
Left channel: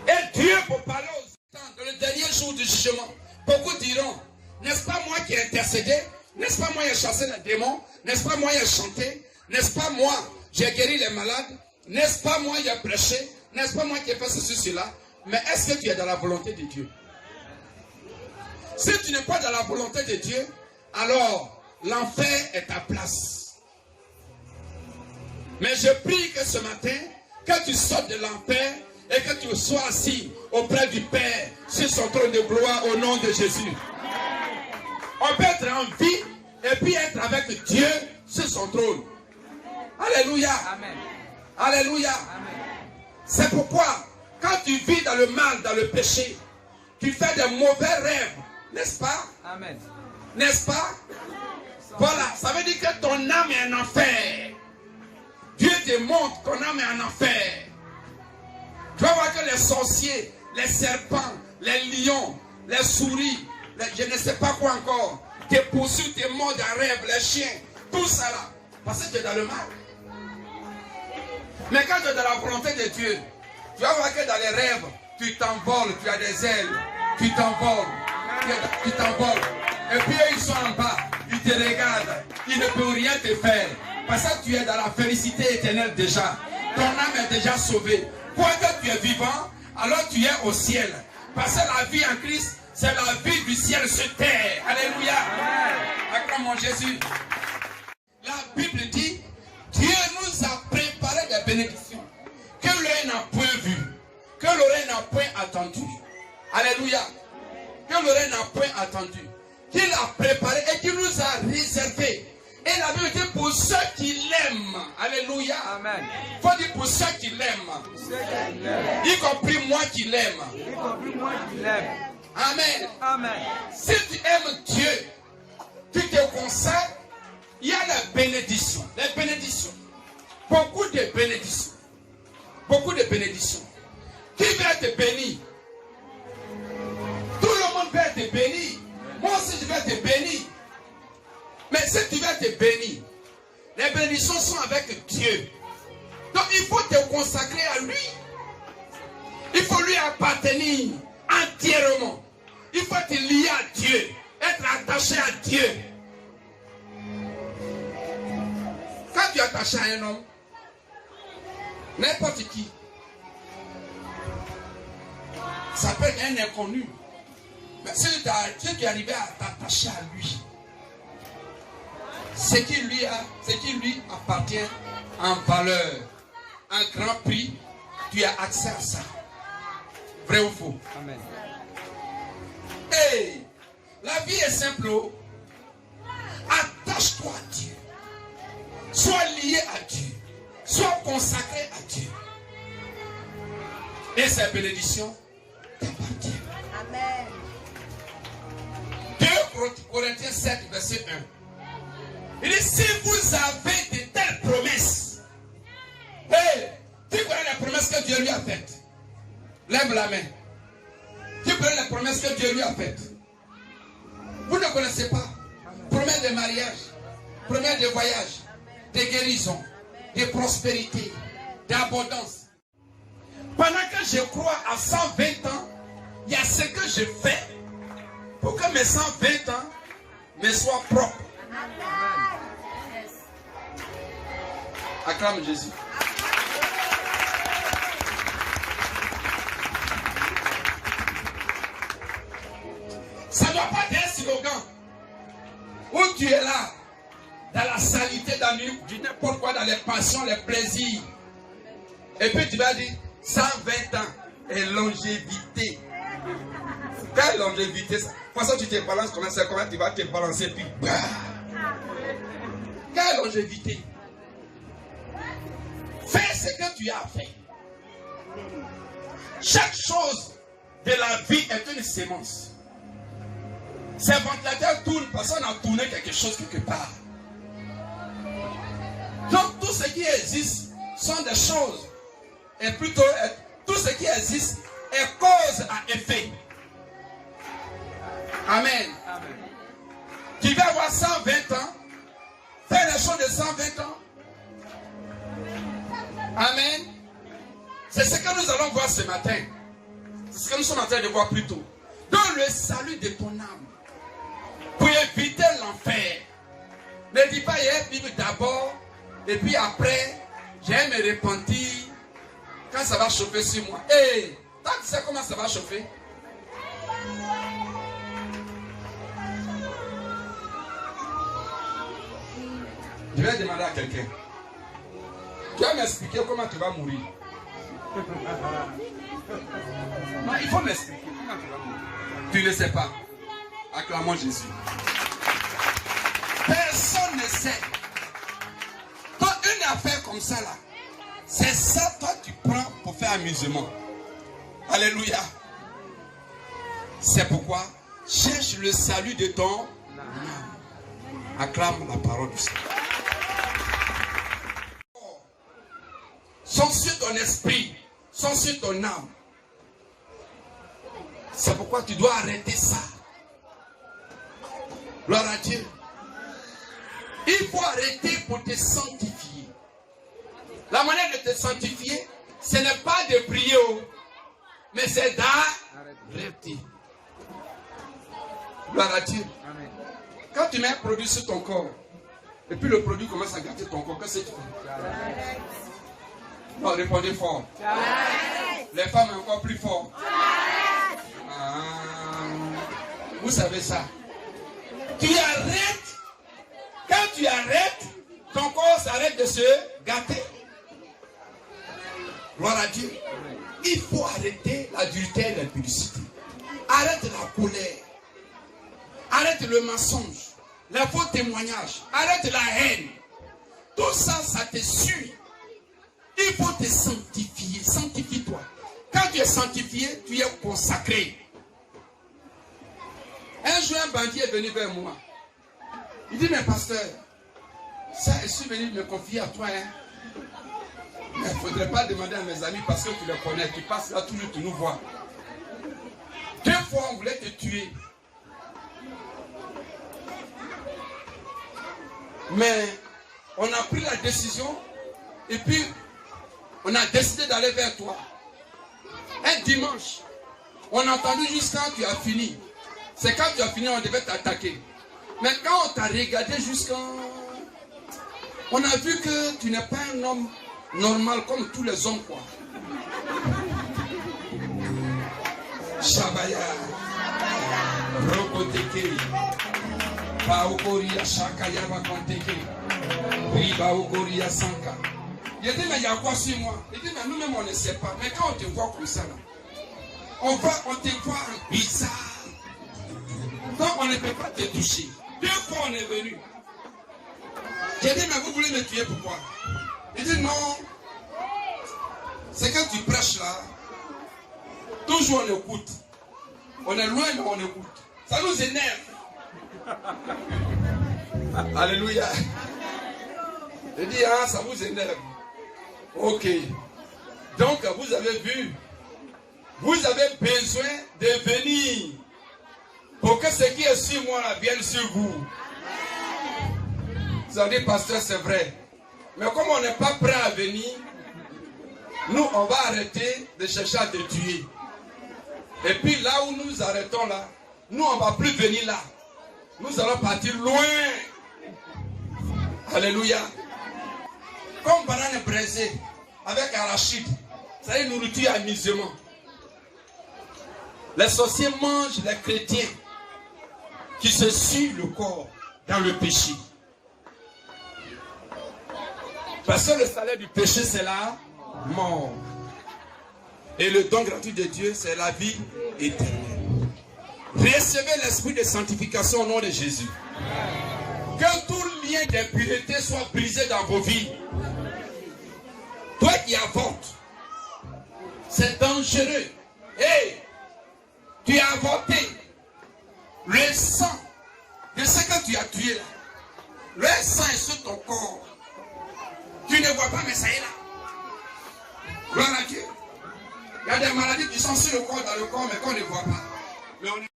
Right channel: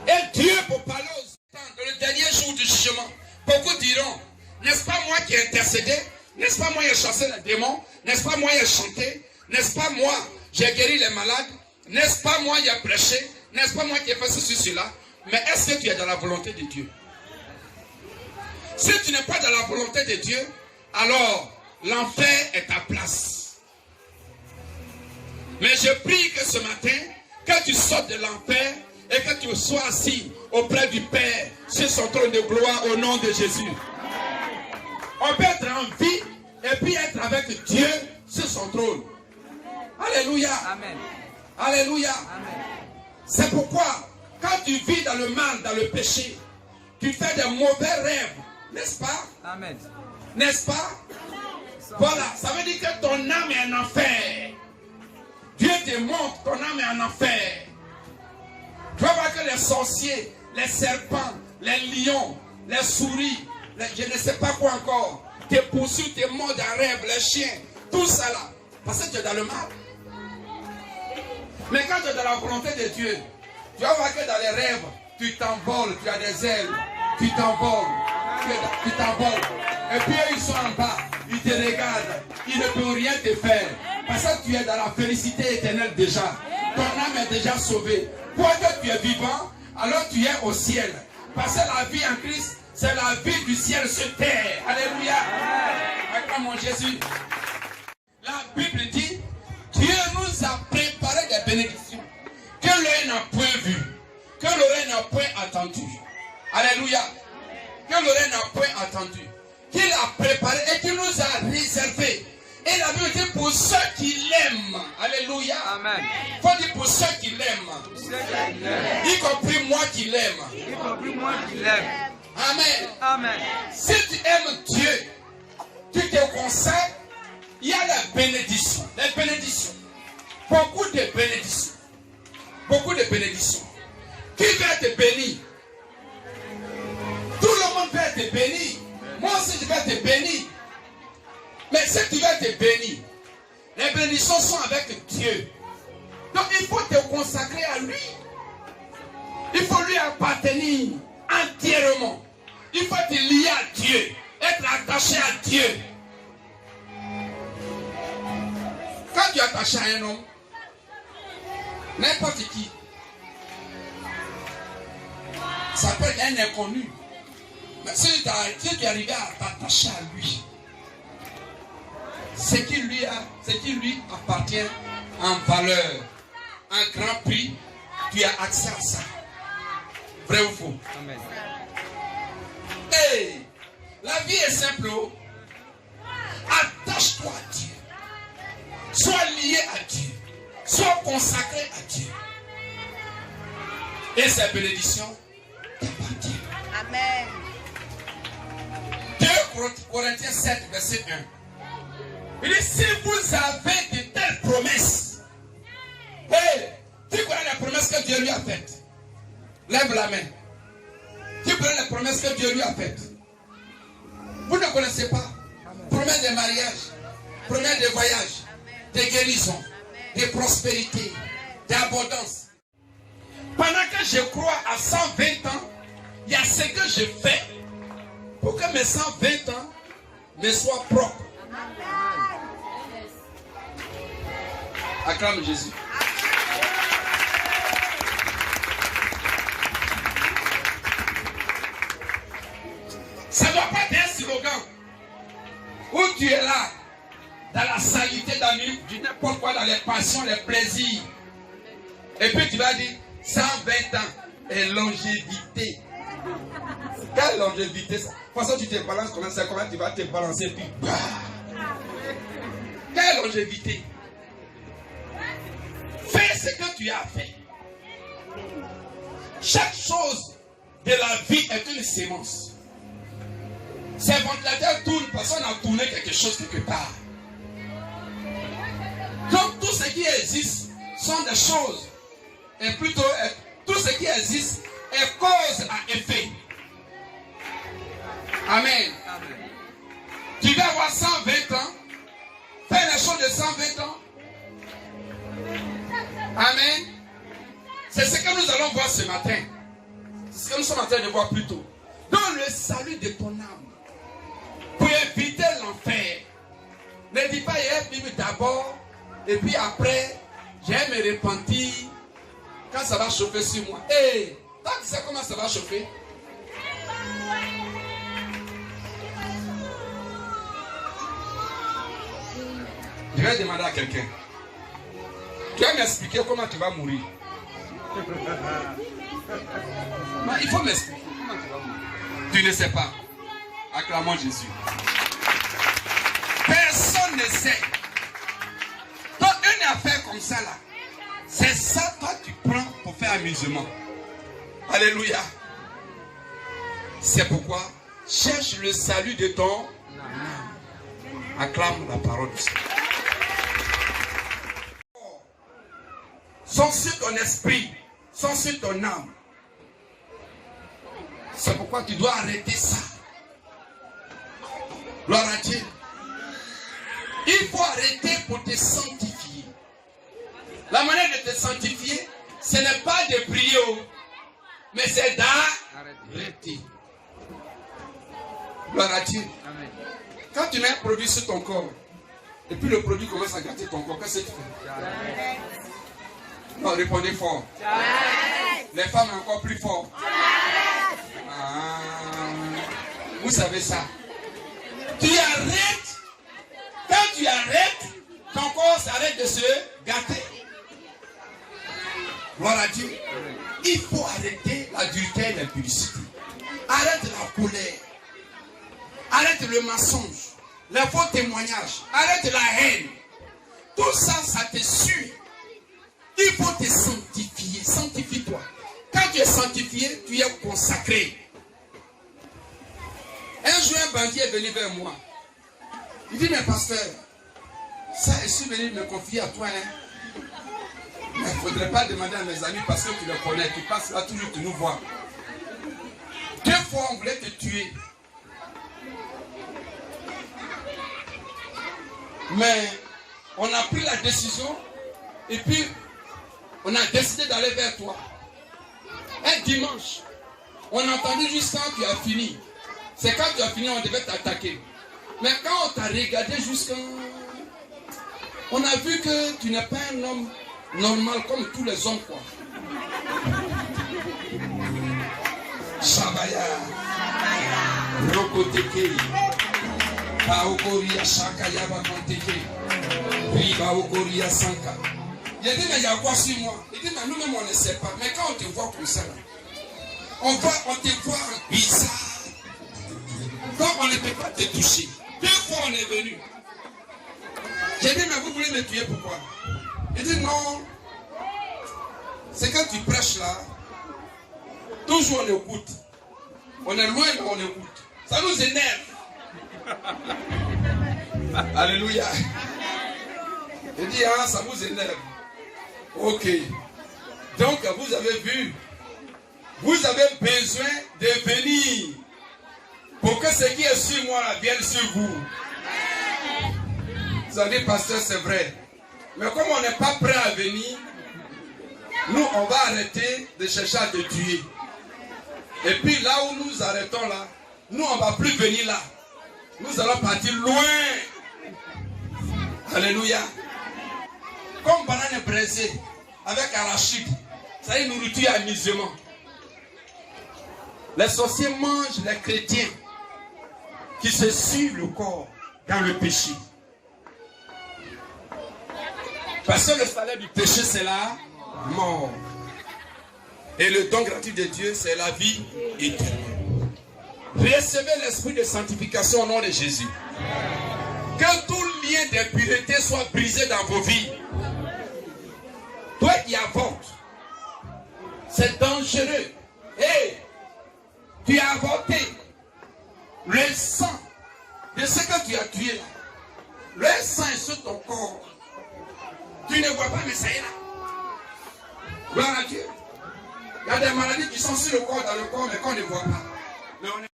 Et Dieu, pour parler aux temps, dans le dernier jour du jugement, beaucoup diront, n'est-ce pas moi qui ai intercédé? N'est-ce pas moi qui ai chassé les démons? N'est-ce pas moi qui ai chanté? N'est-ce pas moi, j'ai guéri les malades? N'est-ce pas moi qui ai prêché? N'est-ce pas moi qui ai fait ceci, cela? Mais est-ce que tu es dans la volonté de Dieu? Si tu n'es pas dans la volonté de Dieu, alors l'enfer est ta place. Mais je prie que ce matin, que tu sortes de l'enfer et que tu sois assis auprès du Père sur son trône de gloire au nom de Jésus. On peut être en vie et puis être avec Dieu sur son trône. Alléluia. Amen. Alléluia. C'est pourquoi, quand tu vis dans le mal, dans le péché, tu fais de mauvais rêves, n'est-ce pas? Amen. N'est-ce pas? Voilà, ça veut dire que ton âme est en enfer. Dieu te montre ton âme est en enfer. Tu vas voir que les sorciers, les serpents, les lions, les souris, je ne sais pas quoi encore, te poursuivent, te mordent en rêve, les chiens, tout ça là. Parce que tu es dans le mal. Mais quand tu es dans la volonté de Dieu, tu vas voir que dans les rêves, tu t'envoles, tu as des ailes, tu t'envoles, tu t'envoles. Et puis eux, ils sont en bas, ils te regardent, ils ne peuvent rien te faire. Parce que tu es dans la félicité éternelle déjà. Ton âme est déjà sauvée. Quoique tu es vivant, alors tu es au ciel. Parce que la vie en Christ, c'est la vie du ciel sur terre. Alléluia. Acclamons Jésus. La Bible dit, Dieu nous a préparé des bénédictions que l'œil n'a point vues, que l'oreille n'a point entendu. Alléluia. Que l'oreille n'a point entendu. Qu'il a préparé et qu'il nous a réservé. Et la Bible dit pour ceux qui l'aiment. Alléluia. Amen. Il faut dire pour ceux qui l'aiment. Y compris moi qui l'aime. Y compris moi qui l'aime. Amen. Amen. Si tu aimes Dieu, tu te consacres, il y a les bénédictions. Les bénédictions. Beaucoup de bénédictions. Beaucoup de bénédictions. Qui veut être béni? Tout le monde veut être béni. Moi aussi je vais être béni. Mais si tu veux être béni, les bénédictions sont avec Dieu. Donc il faut te consacrer à lui. Il faut lui appartenir entièrement. Il faut être lié à Dieu, être attaché à Dieu. Quand tu es attaché à un homme, n'importe qui, ça peut être un inconnu. Mais si tu es arrivé à t'attacher à lui, ce qui lui appartient en valeur, en grand prix, tu as accès à ça. Vrai ou faux? Amen. Hey, la vie est simple. Attache-toi à Dieu. Sois lié à Dieu. Sois consacré à Dieu. Et ces bénédictions t'appartiennent. Amen. 2 Corinthiens 7, verset 1. Il dit, si vous avez de telles promesses, hey, tu connais les promesses que Dieu lui a faites. Lève la main. Tu connais les promesses que Dieu lui a faites. Vous ne connaissez pas. Promesses de mariage, promesses de voyage, de guérison, de prospérité, d'abondance. Pendant que je crois à 120 ans, il y a ce que je fais pour que mes 120 ans me soient propres. Acclame Jésus. Ça ne doit pas être un slogan où tu es là, dans la saleté, dans n'importe quoi, dans les passions, les plaisirs. Et puis tu vas dire 120 ans et longévité. Quelle longévité ça? De toute façon, tu te balances comment tu vas te balancer puis bah. Quelle longévité? Fais ce que tu as fait. Chaque chose de la vie est une sémence. Ces ventilateurs tournent parce qu'on a tourné quelque chose quelque part. Donc tout ce qui existe sont des choses. Et plutôt, tout ce qui existe est cause à effet. Amen. Amen. Tu vas avoir 120 ans. Fais les choses de 120 ans. Amen. C'est ce que nous allons voir ce matin. C'est ce que nous sommes en train de voir plus tôt. Dans le salut de ton âme. Pour éviter l'enfer. Ne dis pas, il y a d'abord. Et puis après, j'ai me repentir. Quand ça va chauffer sur moi. Hey, tu sais comment ça va chauffer? Je vais demander à quelqu'un. Tu vas m'expliquer comment tu vas mourir. Non, il faut m'expliquer comment tu vas mourir. Tu ne sais pas. Acclamons Jésus. Personne ne sait. Donc une affaire comme ça là, c'est ça toi tu prends pour faire amusement. Alléluia. C'est pourquoi cherche le salut de ton âme. Acclame la parole du Seigneur. Sont sur ton esprit, sont sur ton âme. C'est pourquoi tu dois arrêter ça. Gloire à Dieu. Il faut arrêter pour te sanctifier. La manière de te sanctifier, ce n'est pas de prier, mais c'est d'arrêter. Gloire à Dieu. Amen. Quand tu mets un produit sur ton corps, et puis le produit commence à gâter ton corps, qu'est-ce que tu fais? Non, répondez fort. Les femmes encore plus fort. Vous savez ça. Tu arrêtes. Quand tu arrêtes, ton corps s'arrête de se gâter. Gloire à Dieu. Il faut arrêter l'adultère et l'impudicité. Arrête la colère. Arrête le mensonge. Les faux témoignages. Arrête la haine. Tout ça, ça te suit. Il faut te sanctifier. Sanctifie-toi. Quand tu es sanctifié, tu es consacré. Un jour, un banquier est venu vers moi. Il dit, mais pasteur, ça, je suis venu me confier à toi. Hein? Mais il ne faudrait pas demander à mes amis parce que tu les connais. Tu passes là toujours, tu nous vois. 2 fois, on voulait te tuer. Mais on a pris la décision et puis on a décidé d'aller vers toi. Un dimanche, on a entendu juste quand tu as fini. C'est quand tu as fini, on devait t'attaquer. Mais quand on t'a regardé jusqu'à... On a vu que tu n'es pas un homme normal comme tous les hommes, quoi. Shabaya. Rokoteke. Baokoria Shakaya Bakonteke. Oui, Baokoria Sanka. Il dit, mais il y a quoi sur moi? Il dit, mais nous-mêmes, on ne sait pas. Mais quand on te voit comme ça, on te voit bizarre. Donc on ne peut pas te toucher. 2 fois on est venu. J'ai dit, mais vous voulez me tuer pourquoi? Il dit, non. C'est quand tu prêches là, toujours on écoute. On est loin, mais on écoute. Ça nous énerve. Alléluia. Il dit, ah, ça vous énerve. Ok. Donc, vous avez vu, vous avez besoin de venir pour que ce qui est sur moi vienne sur vous. Vous avez dit, pasteur, c'est vrai. Mais comme on n'est pas prêt à venir, nous, on va arrêter de chercher à te tuer. Et puis là où nous arrêtons là, nous, on ne va plus venir là. Nous allons partir loin. Alléluia. Comme banane braisée avec arachide, ça y est, nourriture amusement. Les sorciers mangent les chrétiens qui se suivent le corps dans le péché. Parce que le salaire du péché, c'est la mort. Et le don gratuit de Dieu, c'est la vie éternelle. Recevez l'esprit de sanctification au nom de Jésus. Que tout lien d'impureté soit brisé dans vos vies. Toi qui avortes, c'est dangereux. Hey, tu as avorté. Le sang de ce que tu as tué là, le sang est sur ton corps. Tu ne vois pas, mais ça est là. Gloire à Dieu. Il y a des maladies qui sont sur le corps, dans le corps, mais qu'on ne voit pas. Mais on est...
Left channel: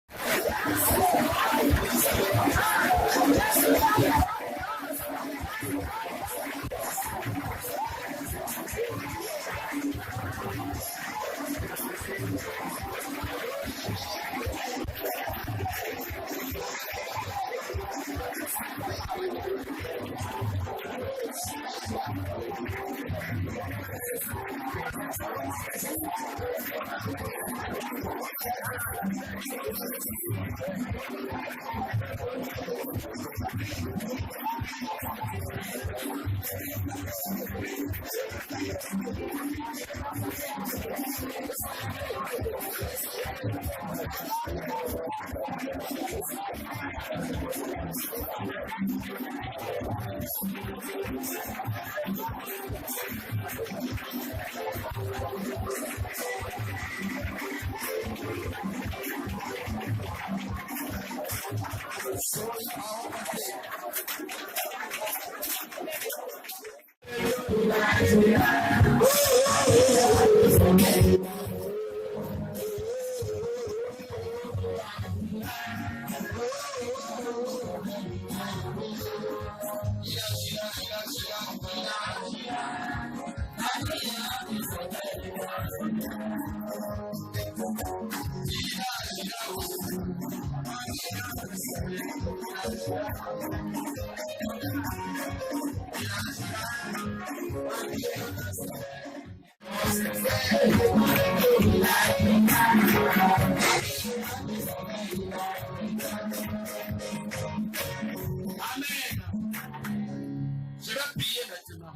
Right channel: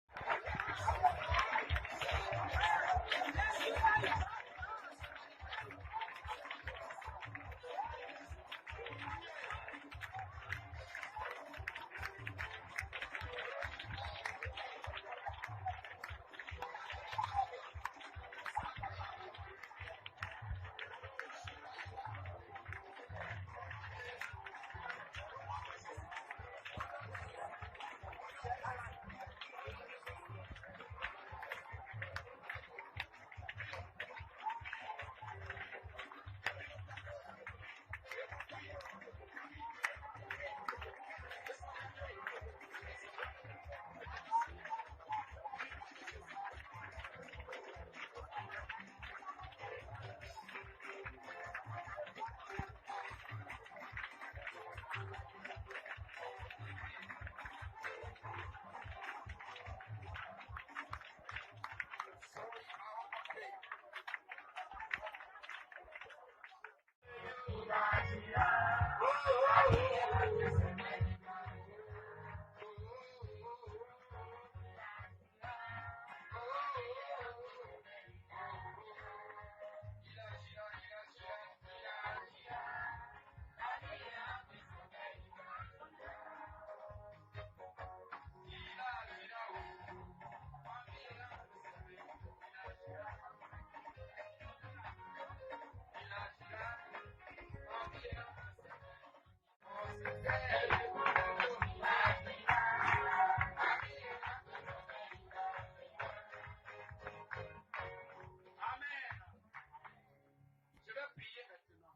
Je vais prier maintenant.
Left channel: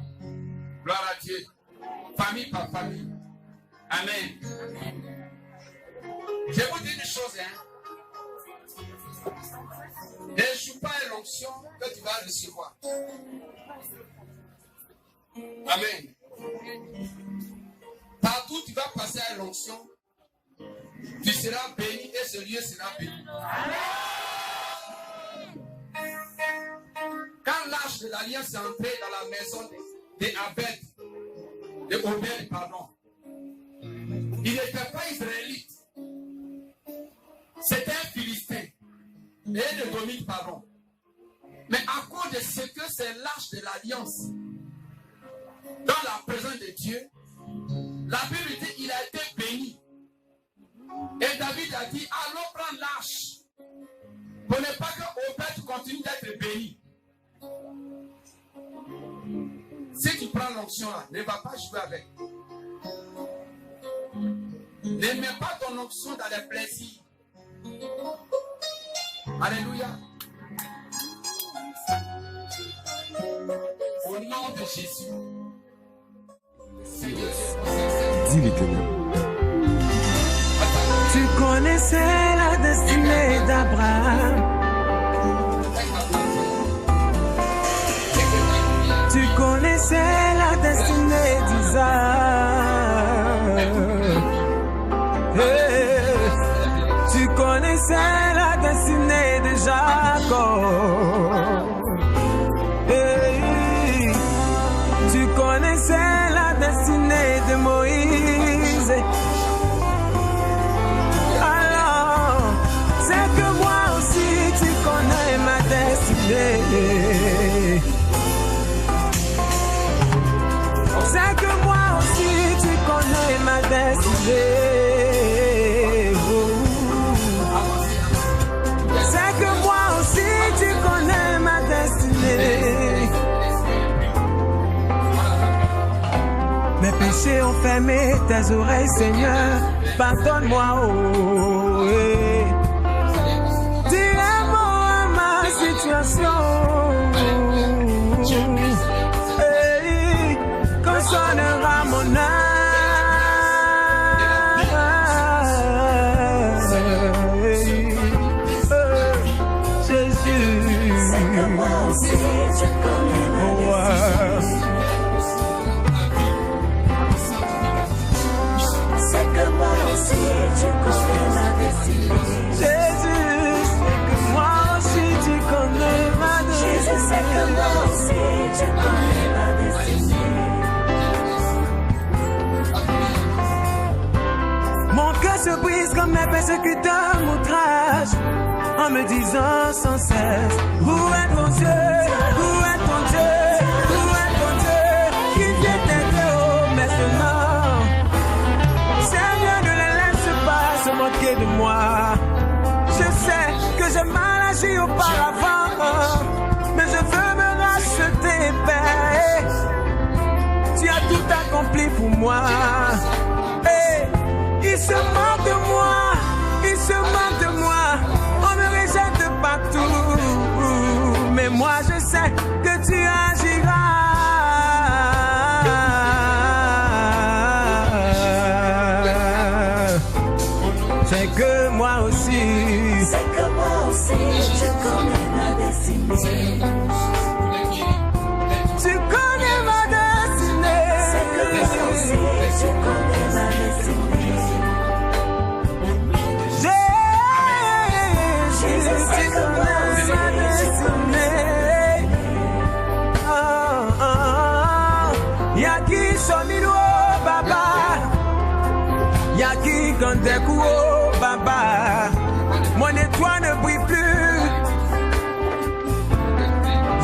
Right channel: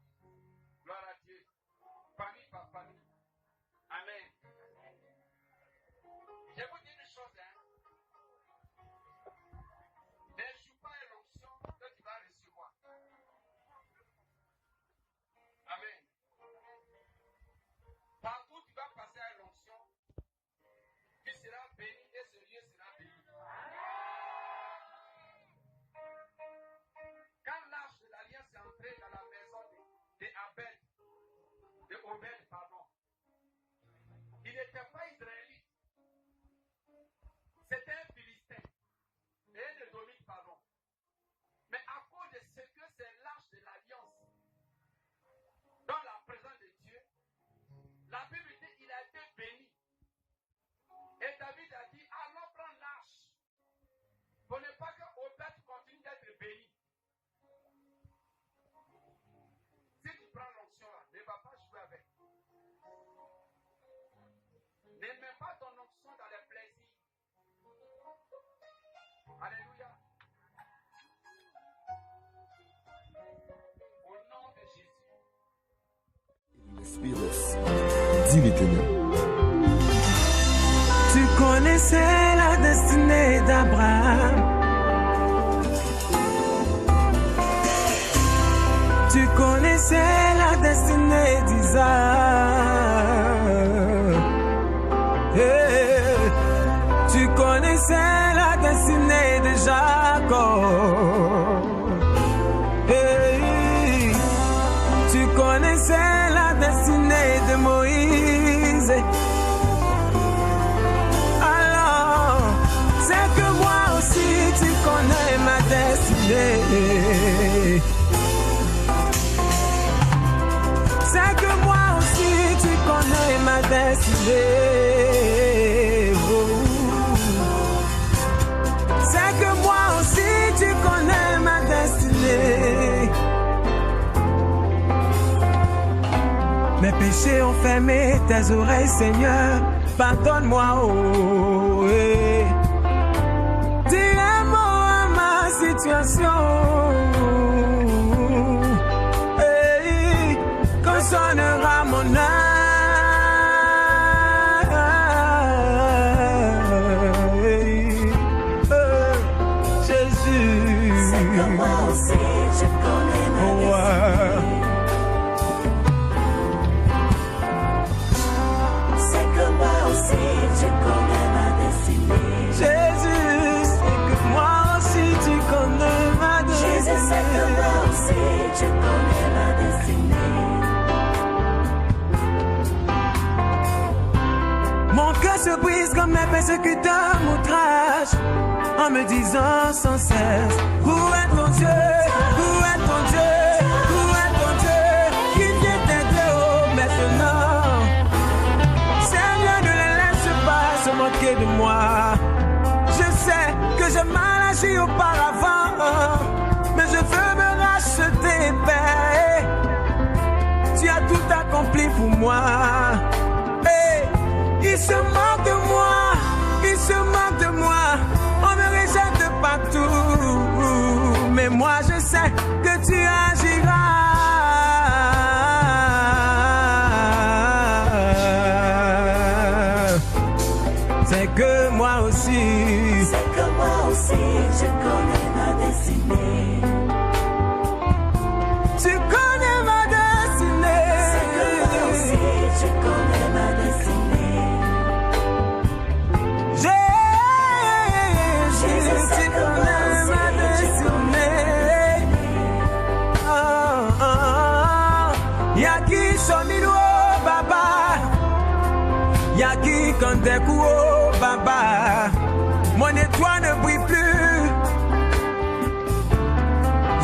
Gloire à Dieu. Famille par famille. Amen. Je vous dis une chose, hein. Ne joue pas à l'onction que tu vas recevoir. Amen. Partout tu vas passer à l'onction, tu seras béni et ce lieu sera béni. Quand l'âge de l'alliance est entré dans la maison de Obed, pardon, il n'était pas israélite. C'était un Philistin. Et de Dominique, pardon. Mais à cause de ce que c'est l'âge de l'alliance, dans la présence de Dieu, la Bible dit qu'il a été béni. Et David a dit, allons prendre l'arche. Pour ne pas que Obed continue d'être béni. Si tu prends l'onction là, ne va pas jouer avec. Ne mets pas ton onction dans les plaisirs. Alléluia. Au nom de Jésus. Dis l'Éternel. Tu connaissais la destinée d'Abraham. Tu connaissais la destinée d'Isaac. Tu connaissais la destinée de Jacob. Tu connaissais la destinée de Moïse. Alors, c'est que moi aussi tu connais ma destinée. C'est que moi aussi tu connais ma destinée. Oh. C'est que moi aussi tu connais ma destinée. Mes péchés ont fermé tes oreilles, Seigneur. Pardonne-moi, oh. Dis un mot à ma situation. Consonnera mon âme. Jésus. C'est que moi aussi je connais ma destinée. C'est que moi aussi je connais ma destinée. Jésus, c'est que moi aussi tu connais ma destinée. Jésus, c'est que moi aussi je connais ma destinée. Mon cœur se brise comme mes persécuteurs m'outragent, en me disant sans cesse, où est ton Dieu? Où est ton Dieu? Où est ton Dieu? Qui vient t'aider maintenant? Seigneur, ne les laisse pas se moquer de moi. Je sais que j'ai mal agi auparavant, mais je veux me racheter, Père. Tu as tout accompli pour moi. Il se moque de moi, il se moque de moi. On me rejette partout, mais moi je sais que tu agiras. C'est que moi aussi, c'est que moi aussi je connais ma destinée. Tu connais ma destinée. C'est que moi aussi je connais ma destinée. Jésus, tu connais ma destinée. quand des coups au baba, mon étoile ne brille plus.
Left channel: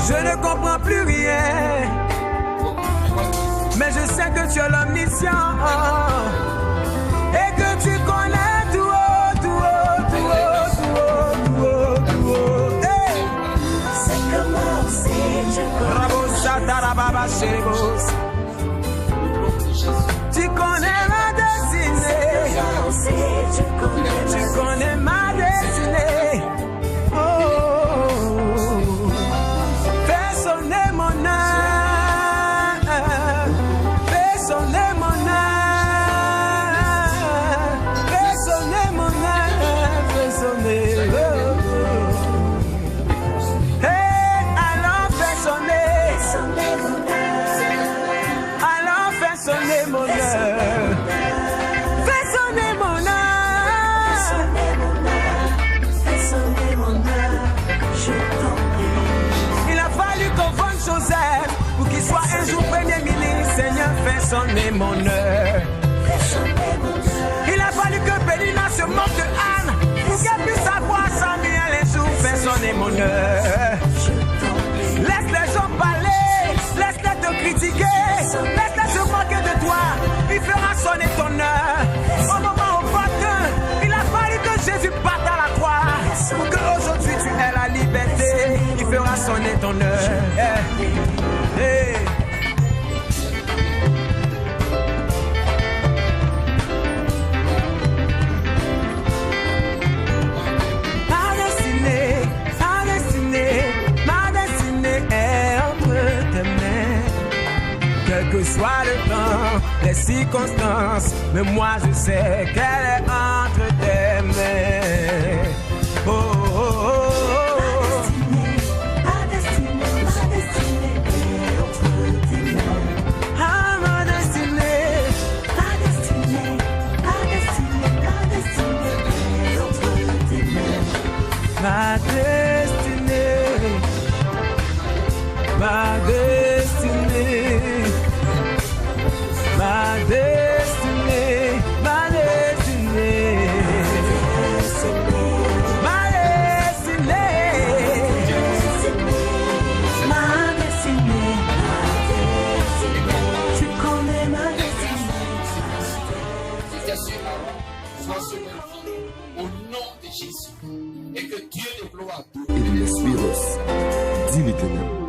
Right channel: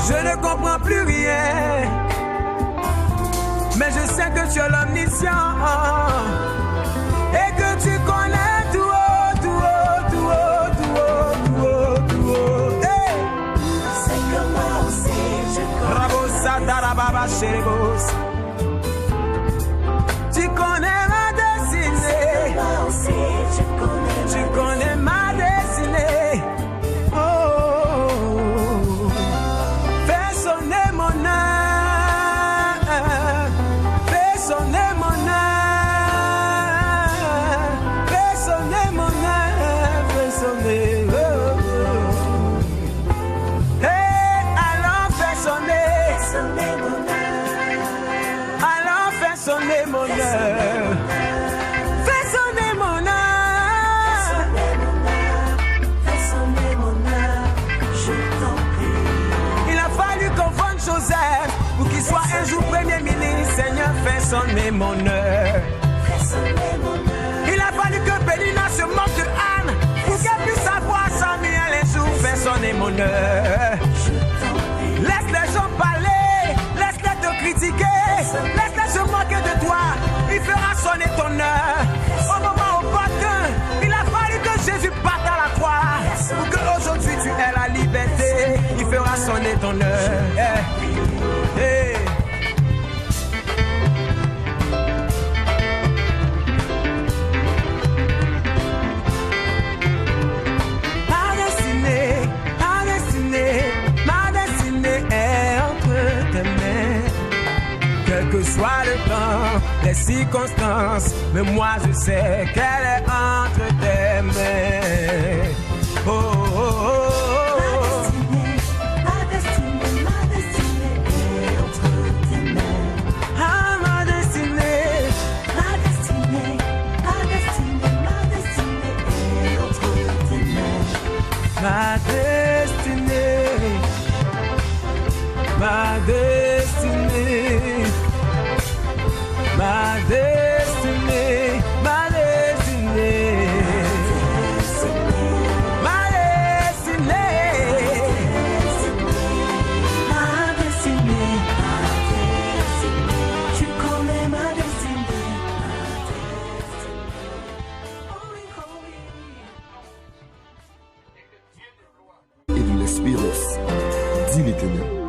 Je ne comprends plus rien, mais je sais que tu es l'omniscient et que tu connais tout haut, tout haut, tout haut, tout haut, tout haut, tout haut. Hey! C'est que moi aussi je connais. Rabosa darababa chérebos. Tu connais ma destinée. Moi aussi je connais. Tu connais ma destinée. Oh, fais sonner mon âme, fais sonner mon âme, fais sonner mon âme, fais sonner. Oh, oh. Hey, alors fais sonner, Sonner mon âme. alors fais sonner mon âme, fais sonner mon âme. Sonner mon âme. Fais sonner mon âme. Je t'en prie. Il a fallu qu'on vende Joseph pour qu'il soit un jour premier ministre. Seigneur, fais sonner mon heure. Fais sonner mon âme. Il a fallu que Pélina se moque de Anne pour qu'elle puisse avoir Samuel un jour. Fais sonner mon heure. Je t'en prie. Laisse les gens parler, laisse-les te critiquer, laisse-les se moquer de toi. Il fera sonner ton heure. Au moment opportun, il a fallu que Jésus parte à la croix pour qu'aujourd'hui tu aies la liberté. Il fera sonner ton heure. Hey. Hey. Ma destinée est entre tes mains. Quel que soit le temps, les circonstances, mais moi je sais qu'elle est entre tes mains. Oh, oh, oh, oh, oh. Ma destinée est entre tes mains. Ah, ma destinée. Ma destinée est entre tes mains. Ma destinée, ma destinée, ma destinée, ma destinée, ma destinée. Ma destinée. Tu connais ma destinée. Au nom de Jésus. Et que Dieu déploie Et de l'Espírito, dis l'Éternel.